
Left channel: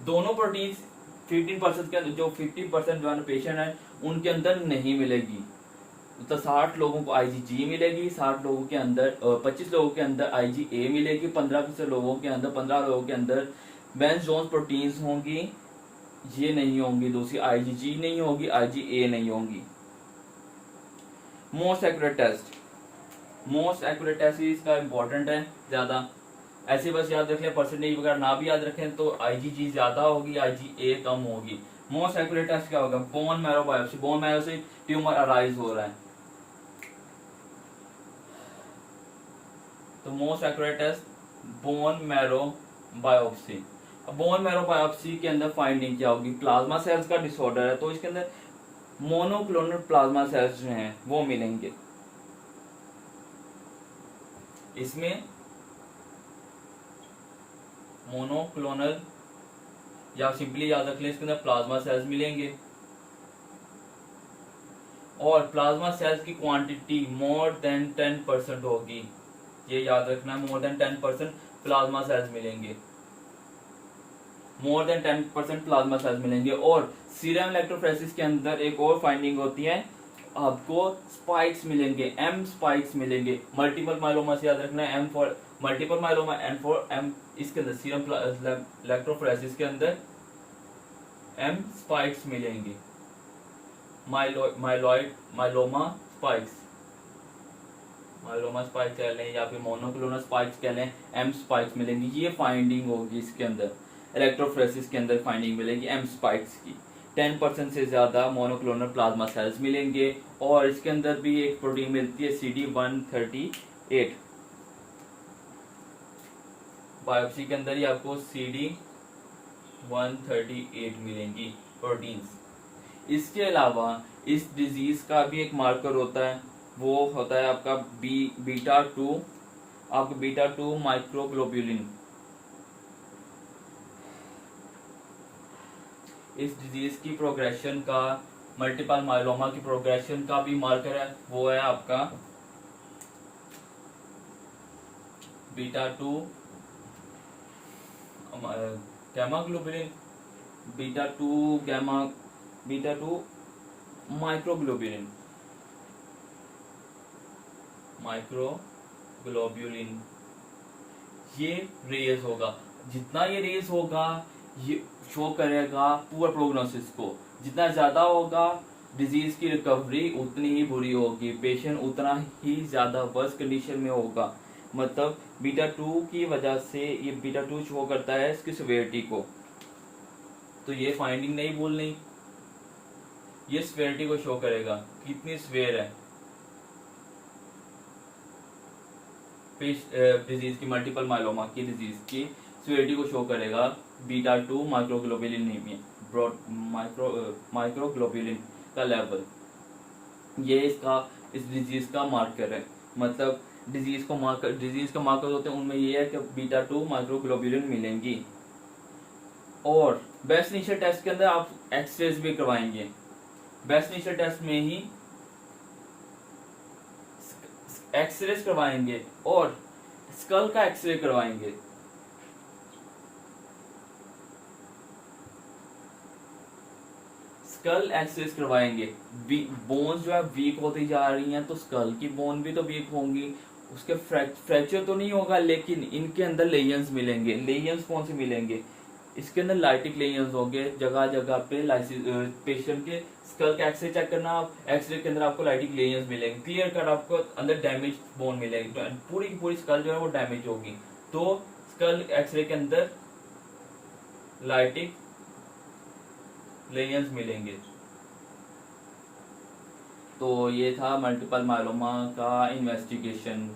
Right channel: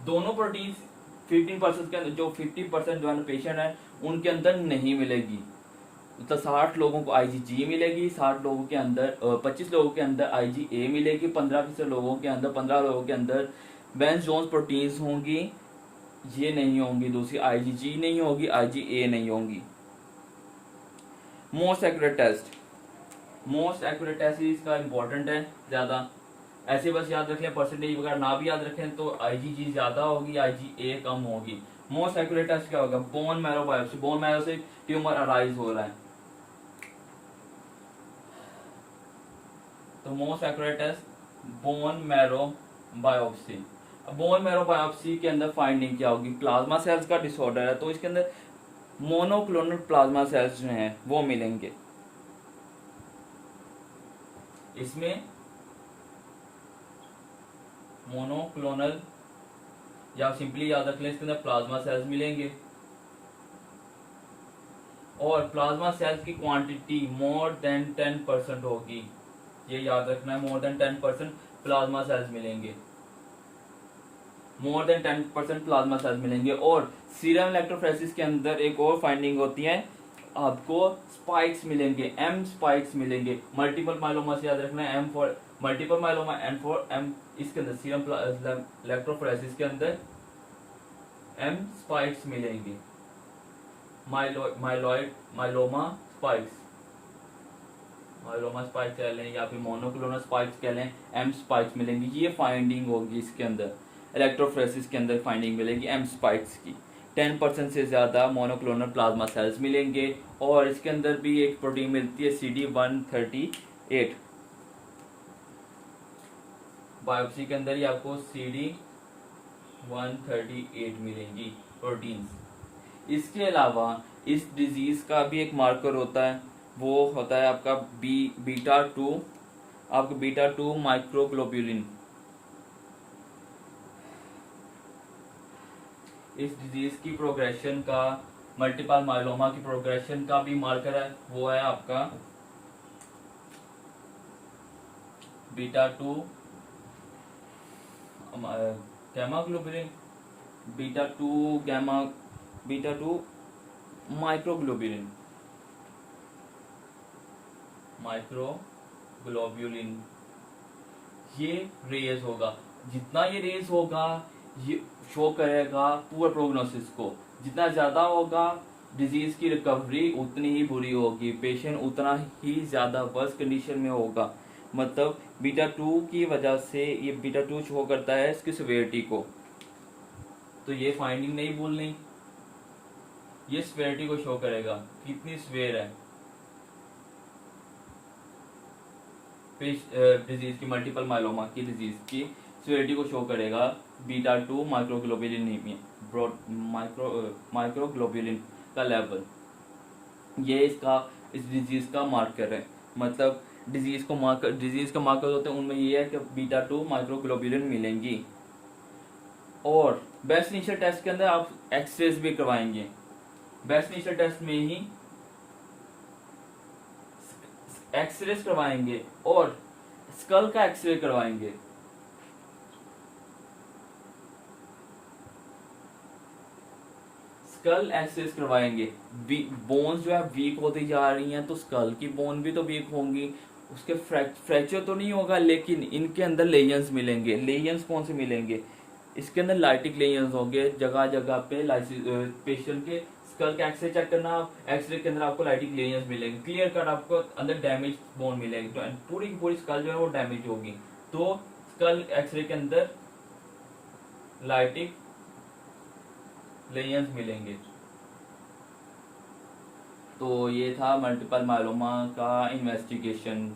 दोनों प्रोटीन्स 15% के अंदर, जो 50% जो पेशेंट है उनके अंदर नहीं मिलेगी। मतलब 60 लोगों को IgG मिलेगी, 60 लोगों के अंदर 25 लोगों के अंदर IgA मिलेगी, 15% लोगों के अंदर 15 लोगों के अंदर बेंज जोन्स प्रोटीन्स होंगी, ये नहीं होंगी। दूसरी IgG नहीं होगी, IgA नहीं होंगी। Most accurate test, most accurate test इसका इंपॉर्टेंट है ज्यादा। ऐसे बस याद रख लें, परसेंटेज वगैरह ना भी याद रखें तो IgG ज्यादा होगी, IgA कम होगी। मोस्ट एक्यूरेट टेस्ट क्या होगा? Bone marrow biopsy, bone marrow से ट्यूमर अराइज हो रहा है तो most accurate test bone marrow biopsy. अब बोन मैरो बायोप्सी के अंदर फाइंडिंग क्या होगी? प्लाज्मा सेल्स का डिसऑर्डर है तो इसके अंदर मोनोक्लोनल प्लाज्मा सेल्स जो हैं वो मिलेंगे। इसमें मोनोक्लोनल या सिंपली याद रख लें इसके अंदर प्लाज्मा सेल्स मिलेंगे और प्लाज्मा सेल्स की क्वांटिटी मोर देन 10% होगी। ये याद रखना है, मोर देन 10% प्लाज्मा सेल्स मिलेंगे, मोर देन 10% प्लाज्मा सेल्स मिलेंगे। और सीरम इलेक्ट्रोफोरेसिस के अंदर एक और फाइंडिंग होती है, आपको स्पाइक्स मिलेंगे, M स्पाइक्स मिलेंगे। मल्टीपल माइलोमा से याद रखना है, M for multiple myeloma, N for M। इसके अंदर सीरम इलेक्ट्रोफोरेसिस के अंदर M स्पाइक्स मिलेंगे, myeloid myeloma spikes, myeloma spikes कह लें या फिर मोनोक्लोनल स्पाइक्स कह लें, M स्पाइक्स मिलेंगी। ये फाइंडिंग होगी इसके अंदर, इलेक्ट्रोफोरेसिस के अंदर फाइंडिंग मिलेगी M स्पाइक्स की। 10% से ज्यादा मोनोक्लोनल प्लाज्मा सेल्स मिलेंगे और इसके अंदर भी एक प्रोटीन मिलती है CD138। बायोप्सी के अंदर ही आपको CD138 मिलेंगी प्रोटीन्स। इसके अलावा इस डिजीज का भी एक मार्कर होता है, वो होता है आपका बीटा 2, आपका बीटा 2 माइक्रोग्लोब्यूलिन। इस डिजीज की प्रोग्रेशन का, मल्टीपल माइलोमा की प्रोग्रेशन का भी मार्कर है, वो है आपका बीटा 2 गैमा ग्लोबुलिन, बीटा 2 माइक्रोग्लोब्यूलिन। ये रेज होगा, जितना ये रेज होगा ये शो करेगा पुअर प्रोग्नोसिस को। जितना ज्यादा होगा डिजीज की रिकवरी उतनी ही बुरी होगी, पेशेंट उतना ही ज्यादा वर्स कंडीशन में होगा। मतलब बीटा 2 की वजह से ये बीटा 2 शो करता है इसकी सिवियरिटी को, तो ये फाइंडिंग नहीं भूलनी, ये सिवियरिटी को शो करेगा कितनी सिवियर है डिजीज की, मल्टीपल माइलोमा की डिजीज की सिवियरिटी को शो करेगा बीटा 2 माइक्रोग्लोब्यूलिन माइक्रोग्लोब्यूलिन का लेवल। ये इस डिजीज का मार्कर है। मतलब डिजीज का मार्कर होते हैं, उनमें ये है कि बीटा 2 माइक्रोग्लोब्यूलिन मिलेंगी। और बेस्ट इनिशियल टेस्ट के अंदर आप एक्सरेज भी करवाएंगे। बेस्ट इनिशियल टेस्ट में ही एक्सरेज करवाएंगे और स्कल का एक्सरे करवाएंगे। स्कल एक्सरेज करवाएंगे। बोन्स जो है वीक होती जा रही हैं तो स्कल की बोन भी तो वीक होंगी, उसके फ्रैक्चर तो नहीं होगा लेकिन इनके अंदर लेयंस मिलेंगे। लेयंस कौन से मिलेंगे? इसके अंदर लाइटिक लेयंस होंगे जगह जगह पे। पेशेंट के स्कल का एक्सरे चेक करना, एक्सरे के अंदर आपको लाइटिक लेयंस मिलेंगे, क्लियर कट आपको अंदर डैमेज बोन मिलेगी, पूरी की पूरी स्कल जो है वो डैमेज होगी। तो स्कल एक्सरे के अंदर लाइटिक लेयंस मिलेंगे। तो ये था मल्टीपल माइलोमा का इन्वेस्टिगेशन।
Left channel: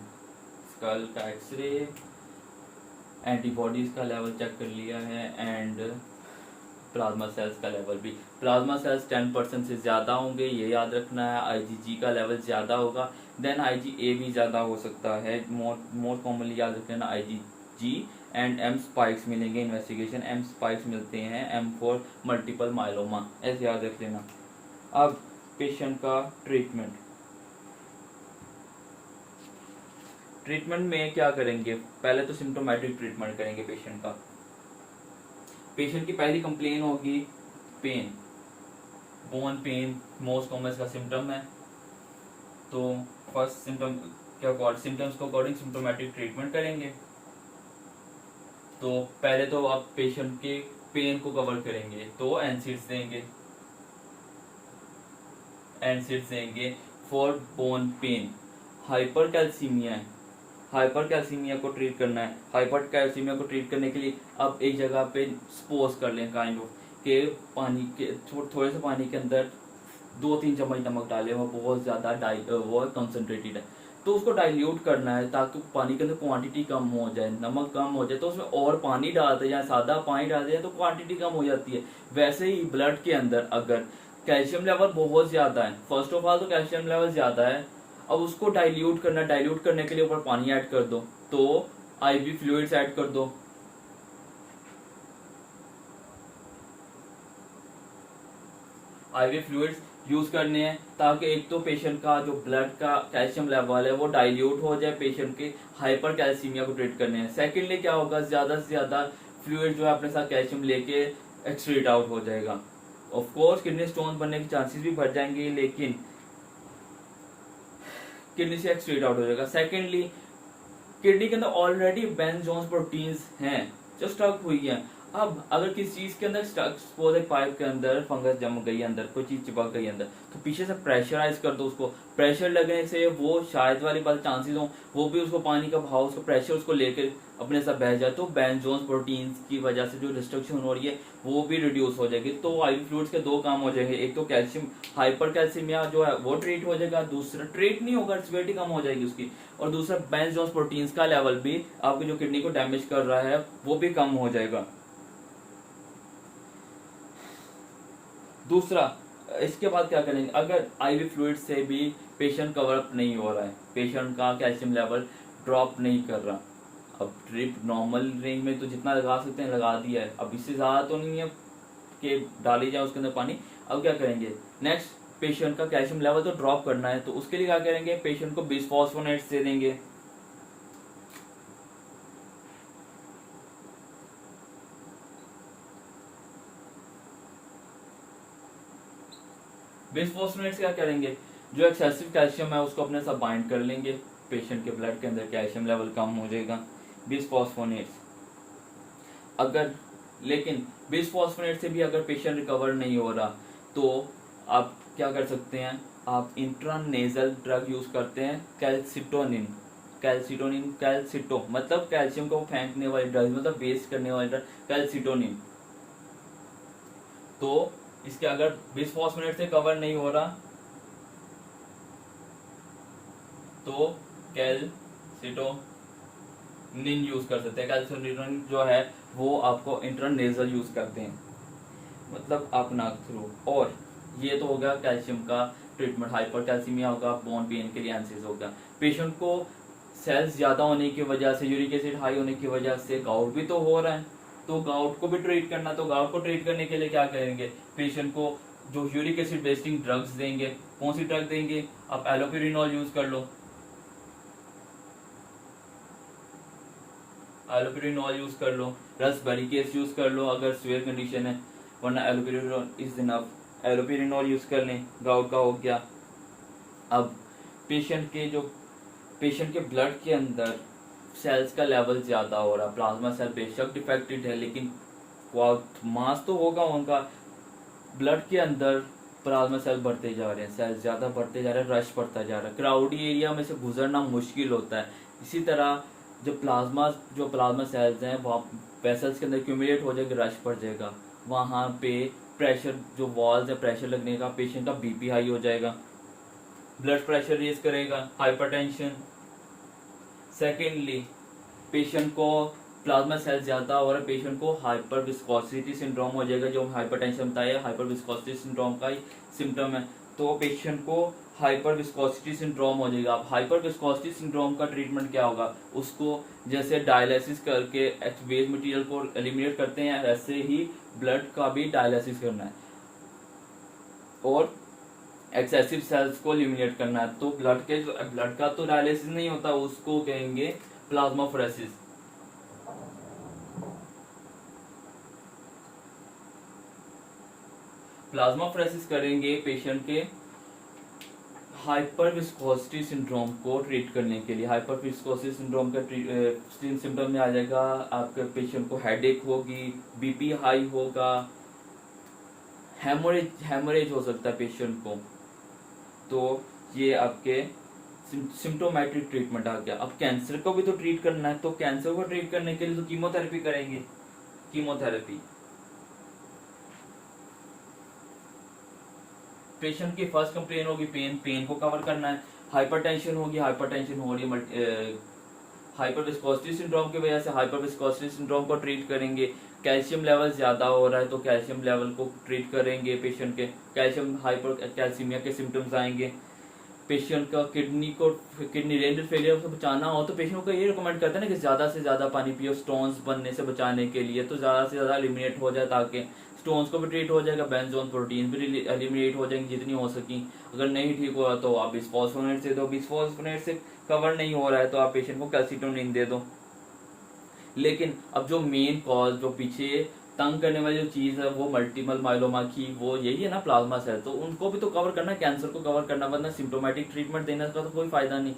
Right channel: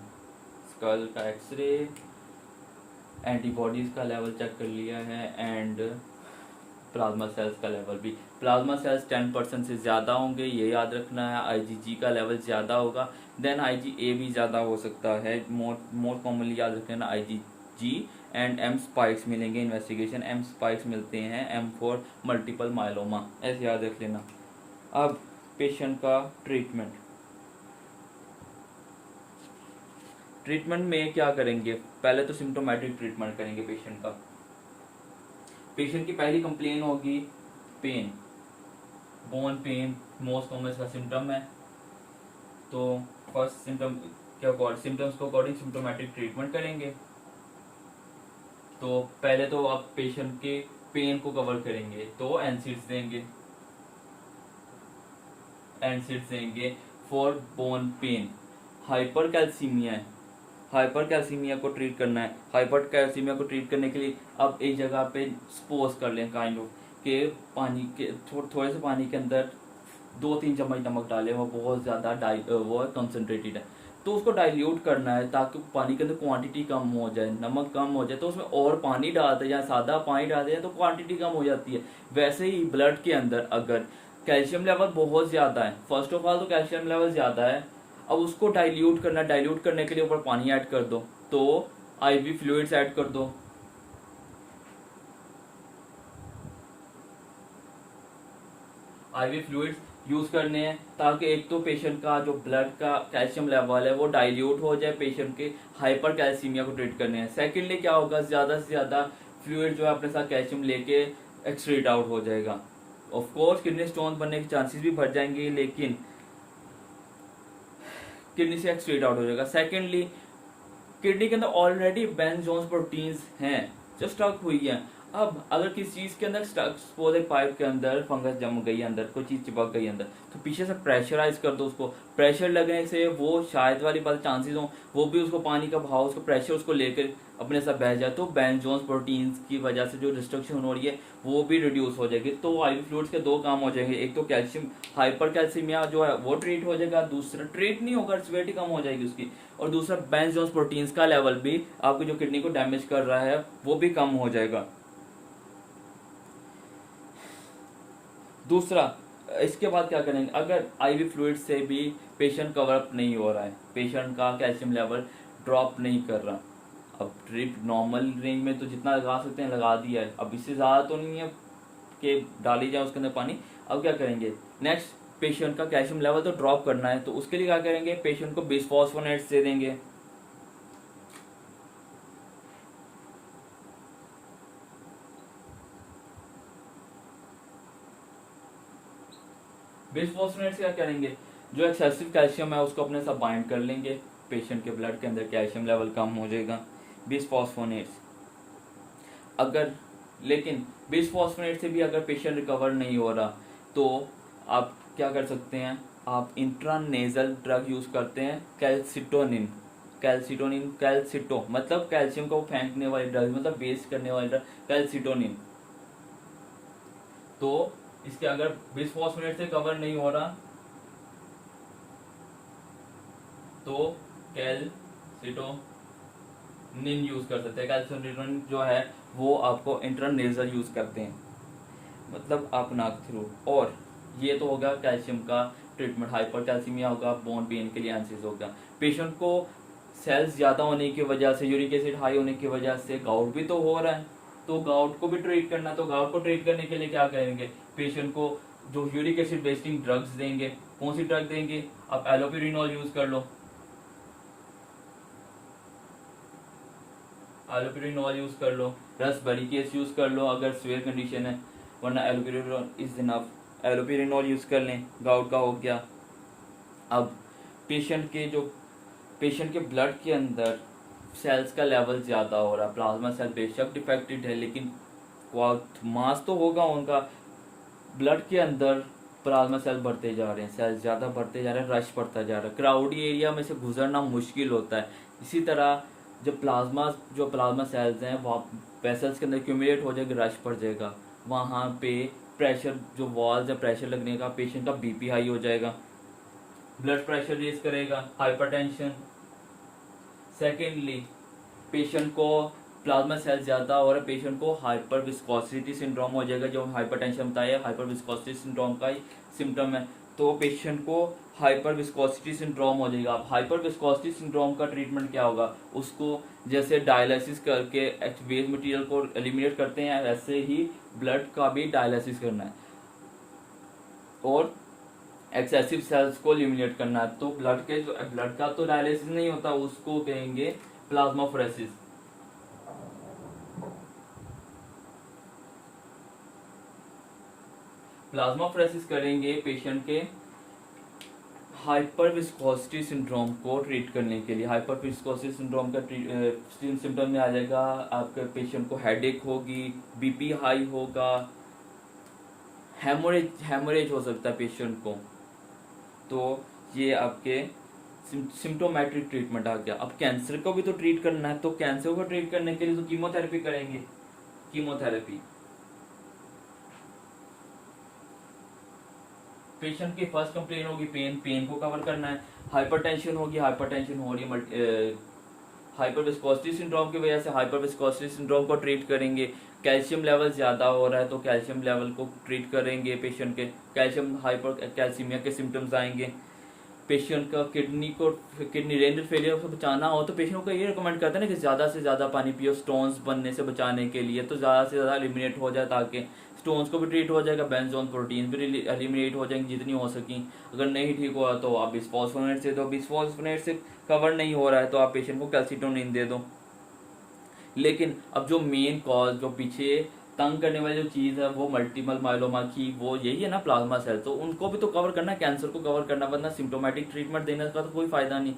स्कल का एक्सरे, एंटीबॉडीज का लेवल चेक कर लिया है एंड प्लाज्मा सेल्स का लेवल भी। प्लाज्मा सेल्स 10% से ज़्यादा होंगे, ये याद रखना है। आईजीजी का लेवल ज़्यादा होगा, देन आईजीए भी ज़्यादा हो सकता है। मोर कॉमनली याद रखना आईजीजी एंड एम स्पाइक्स मिलेंगे। इन्वेस्टिगेशन एम स्पाइक्स मिलते हैं, एम फॉर मल्टीपल माइलोमा, ऐसे याद रख लेना। अब पेशेंट का ट्रीटमेंट, ट्रीटमेंट में क्या करेंगे, पहले तो सिम्टोमेटिक ट्रीटमेंट करेंगे पेशेंट का। पेशेंट की पहली कंप्लेन होगी pain, bone pain most common का सिम्टम है। तो फर्स्ट सिम्टम सिम्टम्स को अकॉर्डिंग सिम्टोमेटिक ट्रीटमेंट करेंगे। तो पहले तो आप पेशेंट के पेन को कवर करेंगे, तो एनसीड्स देंगे, एनसीड्स देंगे for bone pen. Hyper calcaemia है, हाइपर कैल्सीमिया को ट्रीट करना है। हाइपर कैल्सीमिया को ट्रीट करने के लिए आप एक जगह पे सपोज कर लें काइंड ऑफ के पानी के थोड़े से पानी के अंदर 2-3 चम्मच नमक डालें, वो बहुत ज़्यादा वो कंसनट्रेटेड है, तो उसको डाइल्यूट करना है ताकि पानी के अंदर क्वांटिटी कम हो जाए, नमक कम हो जाए, तो उसमें और पानी डालते हैं या सादा पानी डालते हैं तो क्वांटिटी कम हो जाती है। वैसे ही ब्लड के अंदर अगर कैल्शियम लेवल बहुत ज़्यादा है, फर्स्ट ऑफ ऑल तो कैल्शियम लेवल ज़्यादा है, अब उसको डाइल्यूट करना, डाइल्यूट करने के लिए ऊपर पानी ऐड कर दो, तो आईवी फ्लूइड्स ऐड कर दो। आईवी फ्लूइड्स यूज करने हैं ताकि एक तो पेशेंट का जो ब्लड का कैल्शियम लेवल है वो डाइल्यूट हो जाए, पेशेंट के हाइपर कैल्सीमिया को ट्रीट करने हैं। सेकेंडली क्या होगा, ज्यादा से ज्यादा फ्लूइड जो है अपने साथ कैल्शियम लेके एक्सक्रीट आउट हो जाएगा। ऑफ कोर्स किडनी स्टोन बनने के चांसेस भी बढ़ जाएंगे, लेकिन किडनी से एक्सक्रीट आउट हो जाएगा। सेकेंडली किडनी के अंदर ऑलरेडी बेंजोस प्रोटीन्स हैं जो स्टक हुई है। अब अगर किसी चीज के अंदर स्टक पाइप के अंदर फंगस जम गई, अंदर कोई चीज चिपक गई अंदर, तो पीछे से प्रेशराइज कर दो उसको। प्रेशर लगने से वो शायद वाली बात चांसेस हो वो भी उसको पानी का भाव, उसको प्रेशर उसको लेकर अपने साथ बह जाए, तो बेंजोस प्रोटीन्स की वजह से जो डिस्ट्रक्शन हो रही है वो भी रिड्यूस हो जाएगी। तो आईवी फ्लूइड्स के दो काम हो जाएंगे, एक तो कैल्शियम हाइपर कैल्सीमिया जो है वो ट्रीट हो जाएगा, दूसरा ट्रीट नहीं होगा, सिवियरिटी कम हो जाएगी उसकी, और दूसरा बेंजोस प्रोटीन्स का लेवल भी आपकी जो किडनी को डैमेज कर रहा है वो भी कम हो जाएगा। दूसरा, इसके बाद क्या करेंगे, अगर आईवी फ्लूइड से भी पेशेंट कवर अप नहीं हो रहा है, पेशेंट का कैल्शियम लेवल ड्रॉप नहीं कर रहा, अब ड्रिप नॉर्मल रेंज में तो जितना लगा सकते हैं लगा दिया है, अब इससे ज़्यादा तो नहीं है कि डाली जाए उसके अंदर पानी। अब क्या करेंगे, नेक्स्ट पेशेंट का कैल्शियम लेवल तो ड्रॉप करना है, तो उसके लिए क्या करेंगे, पेशेंट को बिसफॉस्फोनेट्स दे देंगे। बिसफॉस्फोनेट्स क्या करेंगे, जो एक्सेसिव कैल्शियम है उसको अपने साथ बाइंड कर लेंगे, पेशेंट के ब्लड के अंदर कैल्शियम लेवल कम हो जाएगा। बिसफॉस्फोनेट्स अगर, लेकिन बिसफॉस्फोनेट से भी अगर पेशेंट रिकवर नहीं हो रहा तो आप क्या कर सकते हैं, आप इंट्रानेजल ड्रग यूज करते हैं, कैल्सिटोनिन। कैल्सिटो मतलब कैल्शियम को फेंकने वाली ड्रग, मतलब वेस्ट करने वाली ड्रग कैल्सिटोनिन। तो इसके अगर बिसफॉस्फोनेट से कवर नहीं हो रहा तो कैल्सिटोनिन यूज कर सकते हैं। कैल्सिटोनिन जो है वो आपको इंट्रानेजल यूज करते हैं, मतलब आप नाक थ्रू। और ये तो हो गया कैल्शियम का ट्रीटमेंट, हाइपर कैल्सीमिया होगा, बोन पेन के लिए एंसिस होगा। पेशेंट को सेल्स ज्यादा होने की वजह से, यूरिक एसिड हाई होने की वजह से गाउट भी तो हो रहा है, तो गाउट को भी ट्रीट करना, तो गाउट को ट्रीट करने के लिए क्या करेंगे, पेशेंट को जो यूरिक एसिड बेस्टिंग ड्रग्स देंगे। कौन सी ड्रग देंगे, आप एलोपिरिनॉल यूज कर लो, एलोपिरिनॉल यूज कर लो, रसबेरिकेस यूज कर लो अगर सीवियर कंडीशन है, वरना एलोपिरिनॉल इज इनफ, एलोपिरिनॉल यूज कर लें, गाउट का हो गया। अब पेशेंट के ब्लड के अंदर सेल्स का लेवल ज्यादा हो रहा, प्लाज्मा सेल बेशक डिफेक्टेड है लेकिन मास तो होगा उनका, ब्लड के अंदर प्लाज्मा सेल बढ़ते जा रहे हैं, सेल ज्यादा बढ़ते जा रहे हैं, रश बढ़ता जा रहा है, क्राउडी एरिया में से गुजरना मुश्किल होता है। इसी तरह जो प्लाज्मा सेल्स हैं वो वेसल्स के अंदर क्यूमुलेट हो जाएगा, रश बढ़ जाएगा, वहां पे प्रेशर जो वॉल्स है, प्रेशर लगने का, पेशेंट का बीपी हाई हो जाएगा, ब्लड प्रेशर रेज करेगा, हाइपरटेंशन। सेकेंडली पेशेंट को प्लाज्मा सेल ज्यादा और पेशेंट को हाइपर विस्कोसिटी सिंड्रोम हो जाएगा, जो हाइपरटेंशन बताया हाइपर विस्कोसिटी सिंड्रोम का ही सिम्टम है। तो पेशेंट को हाइपर विस्कोसिटी सिंड्रोम हो जाएगा। अब हाइपर विस्कोसिटी सिंड्रोम का ट्रीटमेंट क्या होगा, उसको जैसे डायलिसिस करके वेस्ट मटेरियल को एलिमिनेट करते हैं, वैसे ही ब्लड का भी डायलिसिस करना है और एक्सेसिव सेल्स को एलिमिनेट करना है। तो ब्लड का तो डायलिसिस नहीं होता, उसको कहेंगे प्लाज्माफोरेसिस। प्लाज्माफोरेसिस करेंगे पेशेंट के हाइपर विस्कोसिटी सिंड्रोम को ट्रीट करने के लिए। हाइपर विस्कोसिटी सिंड्रोम का सिम्टम में आ जाएगा आपके पेशेंट को हेडेक होगी, बीपी हाई होगा, हेमोरेज हो सकता है पेशेंट को। तो ये आपके सिम्टोमेट्रिक ट्रीटमेंट आ गया। अब कैंसर को भी तो ट्रीट करना है, तो कैंसर को ट्रीट करने के लिए तो कीमोथेरेपी करेंगे। कीमोथेरेपी पेशेंट की फर्स्ट कंप्लेन होगी पेन को कवर करना है। हाइपरटेंशन होगी, हाइपरटेंशन हो रही है हाइपर विस्कोसिटी सिंड्रोम की वजह से, हाइपर विस्कोसिटी सिंड्रोम को ट्रीट करेंगे। कैल्शियम लेवल ज्यादा हो रहा है तो कैल्शियम लेवल को ट्रीट करेंगे पेशेंट के। कैल्शियम हाइपर कैल्सीमिया के सिम्टम्स आएंगे। पेशेंट का किडनी रेनल फेलियर से बचाना हो तो पेशेंट को ये रिकमेंड करते हैं ना कि ज्यादा से ज्यादा पानी पियो, स्टोन्स बनने से बचाने के लिए। तो ज्यादा से ज्यादा एलिमिनेट हो जाए ताकि स्टोन्स को भी ट्रीट हो जाएगा, बेंजोन प्रोटीन भी एलिमिनेट हो जाएंगे जितनी हो सकी। अगर नहीं ठीक हो रहा तो आप बिस्फोस्फोनेट से दो, बिस्फोस्फोनेट से कवर नहीं हो रहा है तो आप पेशेंट को कैल्सीटोनिन दे दो। लेकिन अब जो मेन कॉज, जो पीछे तंग करने वाली जो चीज है वो मल्टीपल माइलोमा की, वो यही है ना प्लाज्मा सेल। तो उनको भी तो कवर करना, कैंसर को कवर करना, वरना सिम्टोमेटिक ट्रीटमेंट देने का तो कोई फायदा नहीं।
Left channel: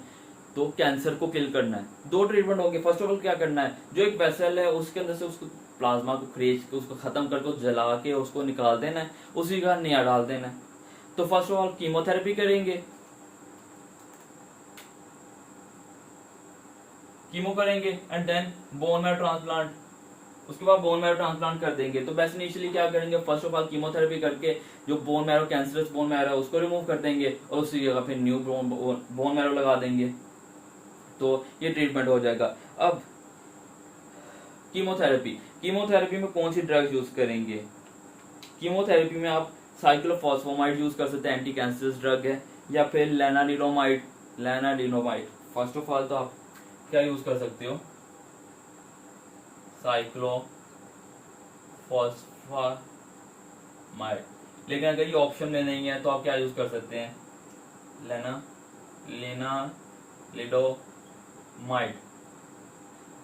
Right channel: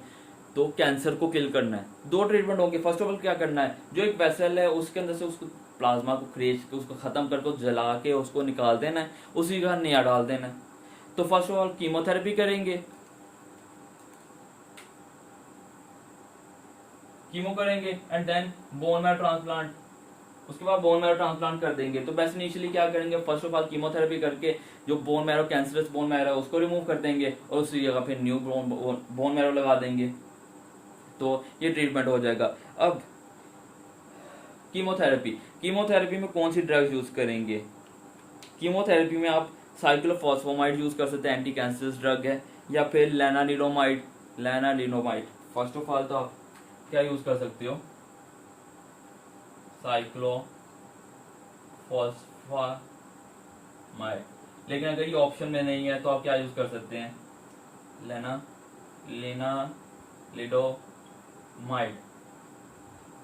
तो कैंसर को किल करना है। दो ट्रीटमेंट होंगे। फर्स्ट ऑफ ऑल क्या करना है, जो एक वेसल है उसके अंदर से उसको प्लाज्मा को खरीद के उसको खत्म करके जला के उसको निकाल देना है, उसी का नया डाल देना है। तो फर्स्ट ऑफ ऑल कीमोथेरेपी करेंगे, कीमो करेंगे and then bone marrow transplant. उसके बाद बोन मैरो ट्रांसप्लांट कर देंगे। तो बेस्ट इनिशियली क्या करेंगे, फर्स्ट ऑफ ऑल कीमोथेरेपी करके जो bone marrow cancerous bone marrow है उसको रिमूव कर देंगे और उसी जगह फिर न्यू बोन मैरो लगा देंगे। तो ये ट्रीटमेंट हो जाएगा। अब कीमोथेरेपी में कौन सी ड्रग्स यूज करेंगे। कीमोथेरेपी में आप साइक्लोफॉस्फोमाइड यूज कर सकते हैं, एंटी कैंसरस ड्रग है, या फिर लेनालिडोमाइड। फर्स्ट ऑफ ऑल तो आप क्या यूज कर सकते हो, साइक्लोफॉस्फामाइड। लेकिन अगर ये ऑप्शन में नहीं है तो आप क्या यूज कर सकते हैं, लेनालिडोमाइड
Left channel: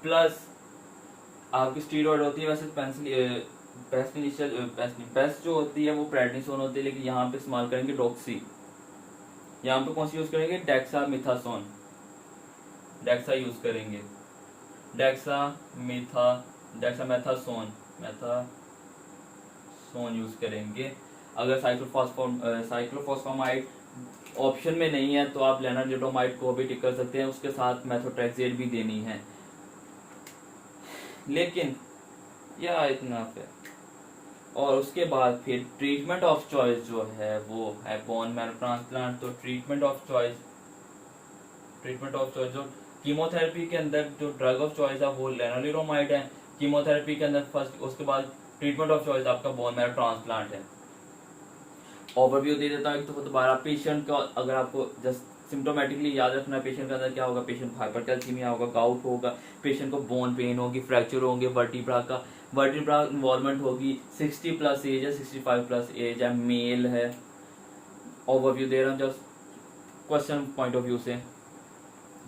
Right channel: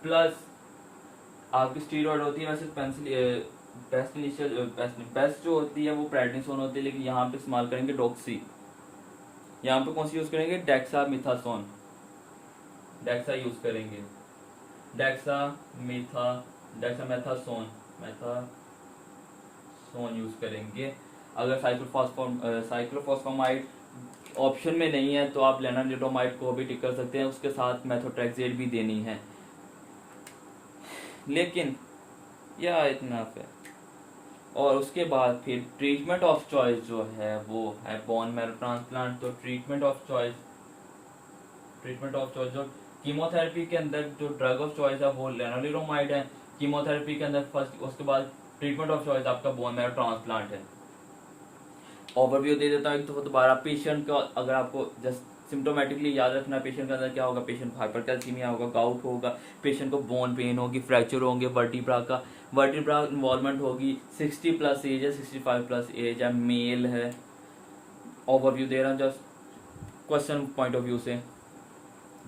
प्लस आपकी स्टीरॉयड होती है। वैसे बेस्ट जो होती है वो प्रेडनिसोन होती है, लेकिन यहाँ पे इस्तेमाल करेंगे डॉक्सी। यहाँ पे कौन सी यूज करेंगे, डेक्सामेथासोन, डेक्सा यूज करेंगे, डेक्सामेथासोन यूज करेंगे। अगर साइक्लोफॉस्फामाइड ऑप्शन में नहीं है तो आप लेनालिडोमाइड को भी टिक कर सकते हैं, उसके साथ मेथोट्रेक्सेट भी देनी है। लेकिन यह इतना है। और उसके बाद फिर ट्रीटमेंट ऑफ चॉइस जो है वो है बोन मैरो ट्रांसप्लांट। तो ट्रीटमेंट ऑफ चॉइस जो कीमोथेरेपी के अंदर जो ड्रग ऑफ चॉइस है वो लेनालिडोमाइड है कीमोथेरेपी के अंदर फर्स्ट। उसके बाद ट्रीटमेंट ऑफ चॉइस आपका बोन मैरो ट्रांसप्लांट है। ओवरव्यू दे देता है तो दोबारा पेशेंट का, अगर आपको जस्ट सिम्टोमेटिकली याद रखना है पेशेंट के अंदर क्या होगा, पेशेंट हाइपरकैल्सीमिया होगा, गाउट होगा, पेशेंट को बोन पेन होगी, फ्रैक्चर होंगे, वर्टिब्रा इन्वॉल्वमेंट होगी, 60 प्लस एज है, 65 प्लस एज है, मेल है। ओवरव्यू दे रहा हूँ just question point of view से।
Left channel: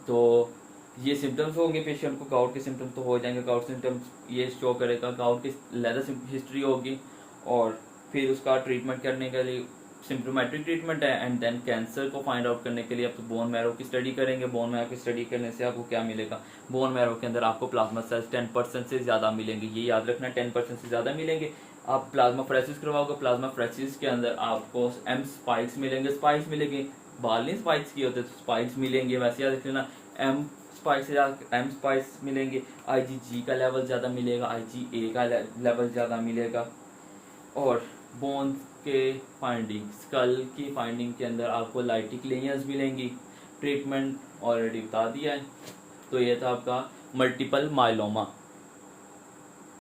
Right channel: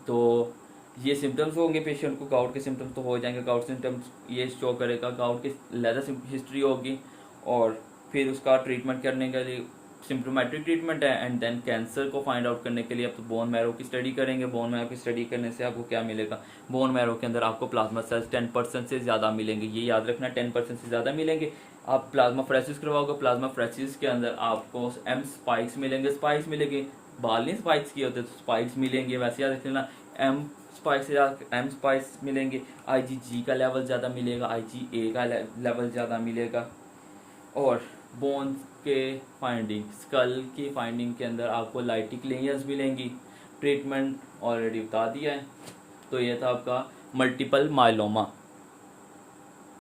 तो ये सिम्टम्स होंगे पेशेंट को, गाउट के सिम्टम्स तो हो जाएंगे। गाउट सिम्टम्स ये शो करेगा, गाउट की लेदर हिस्ट्री होगी और फिर उसका ट्रीटमेंट करने के लिए सिम्टोमेट्रिक ट्रीटमेंट है। एंड देन कैंसर को फाइंड आउट करने के लिए आप तो बोन मैरो की स्टडी करेंगे। बोन मैरो की स्टडी करने से आपको क्या मिलेगा, बोन मैरो के अंदर आपको प्लाज्मा सेल्स 10% से ज्यादा मिलेंगे। ये याद रखना, 10% से ज्यादा मिलेंगे। आप प्लाज्मा फ्रेसिस करवाओगे, प्लाज्मा फ्रेसिस के अंदर आपको एम स्पाइक्स मिलेंगे, स्पाइक्स मिलेंगे, बाल नहीं स्पाइक्स किए होते तो स्पाइक्स मिलेंगे, वैसे याद रख लेना। एम स्पाइक्स मिलेंगे, IgG का लेवल ज्यादा मिलेगा, IgA का लेवल ज्यादा मिलेगा। और बोन के फाइंडिंग, स्कल की फाइंडिंग के अंदर आपको लाइटिक लेयर्स मिलेंगी। ट्रीटमेंट ऑलरेडी बता दिया है। तो ये था आपका मल्टीपल माइलोमा।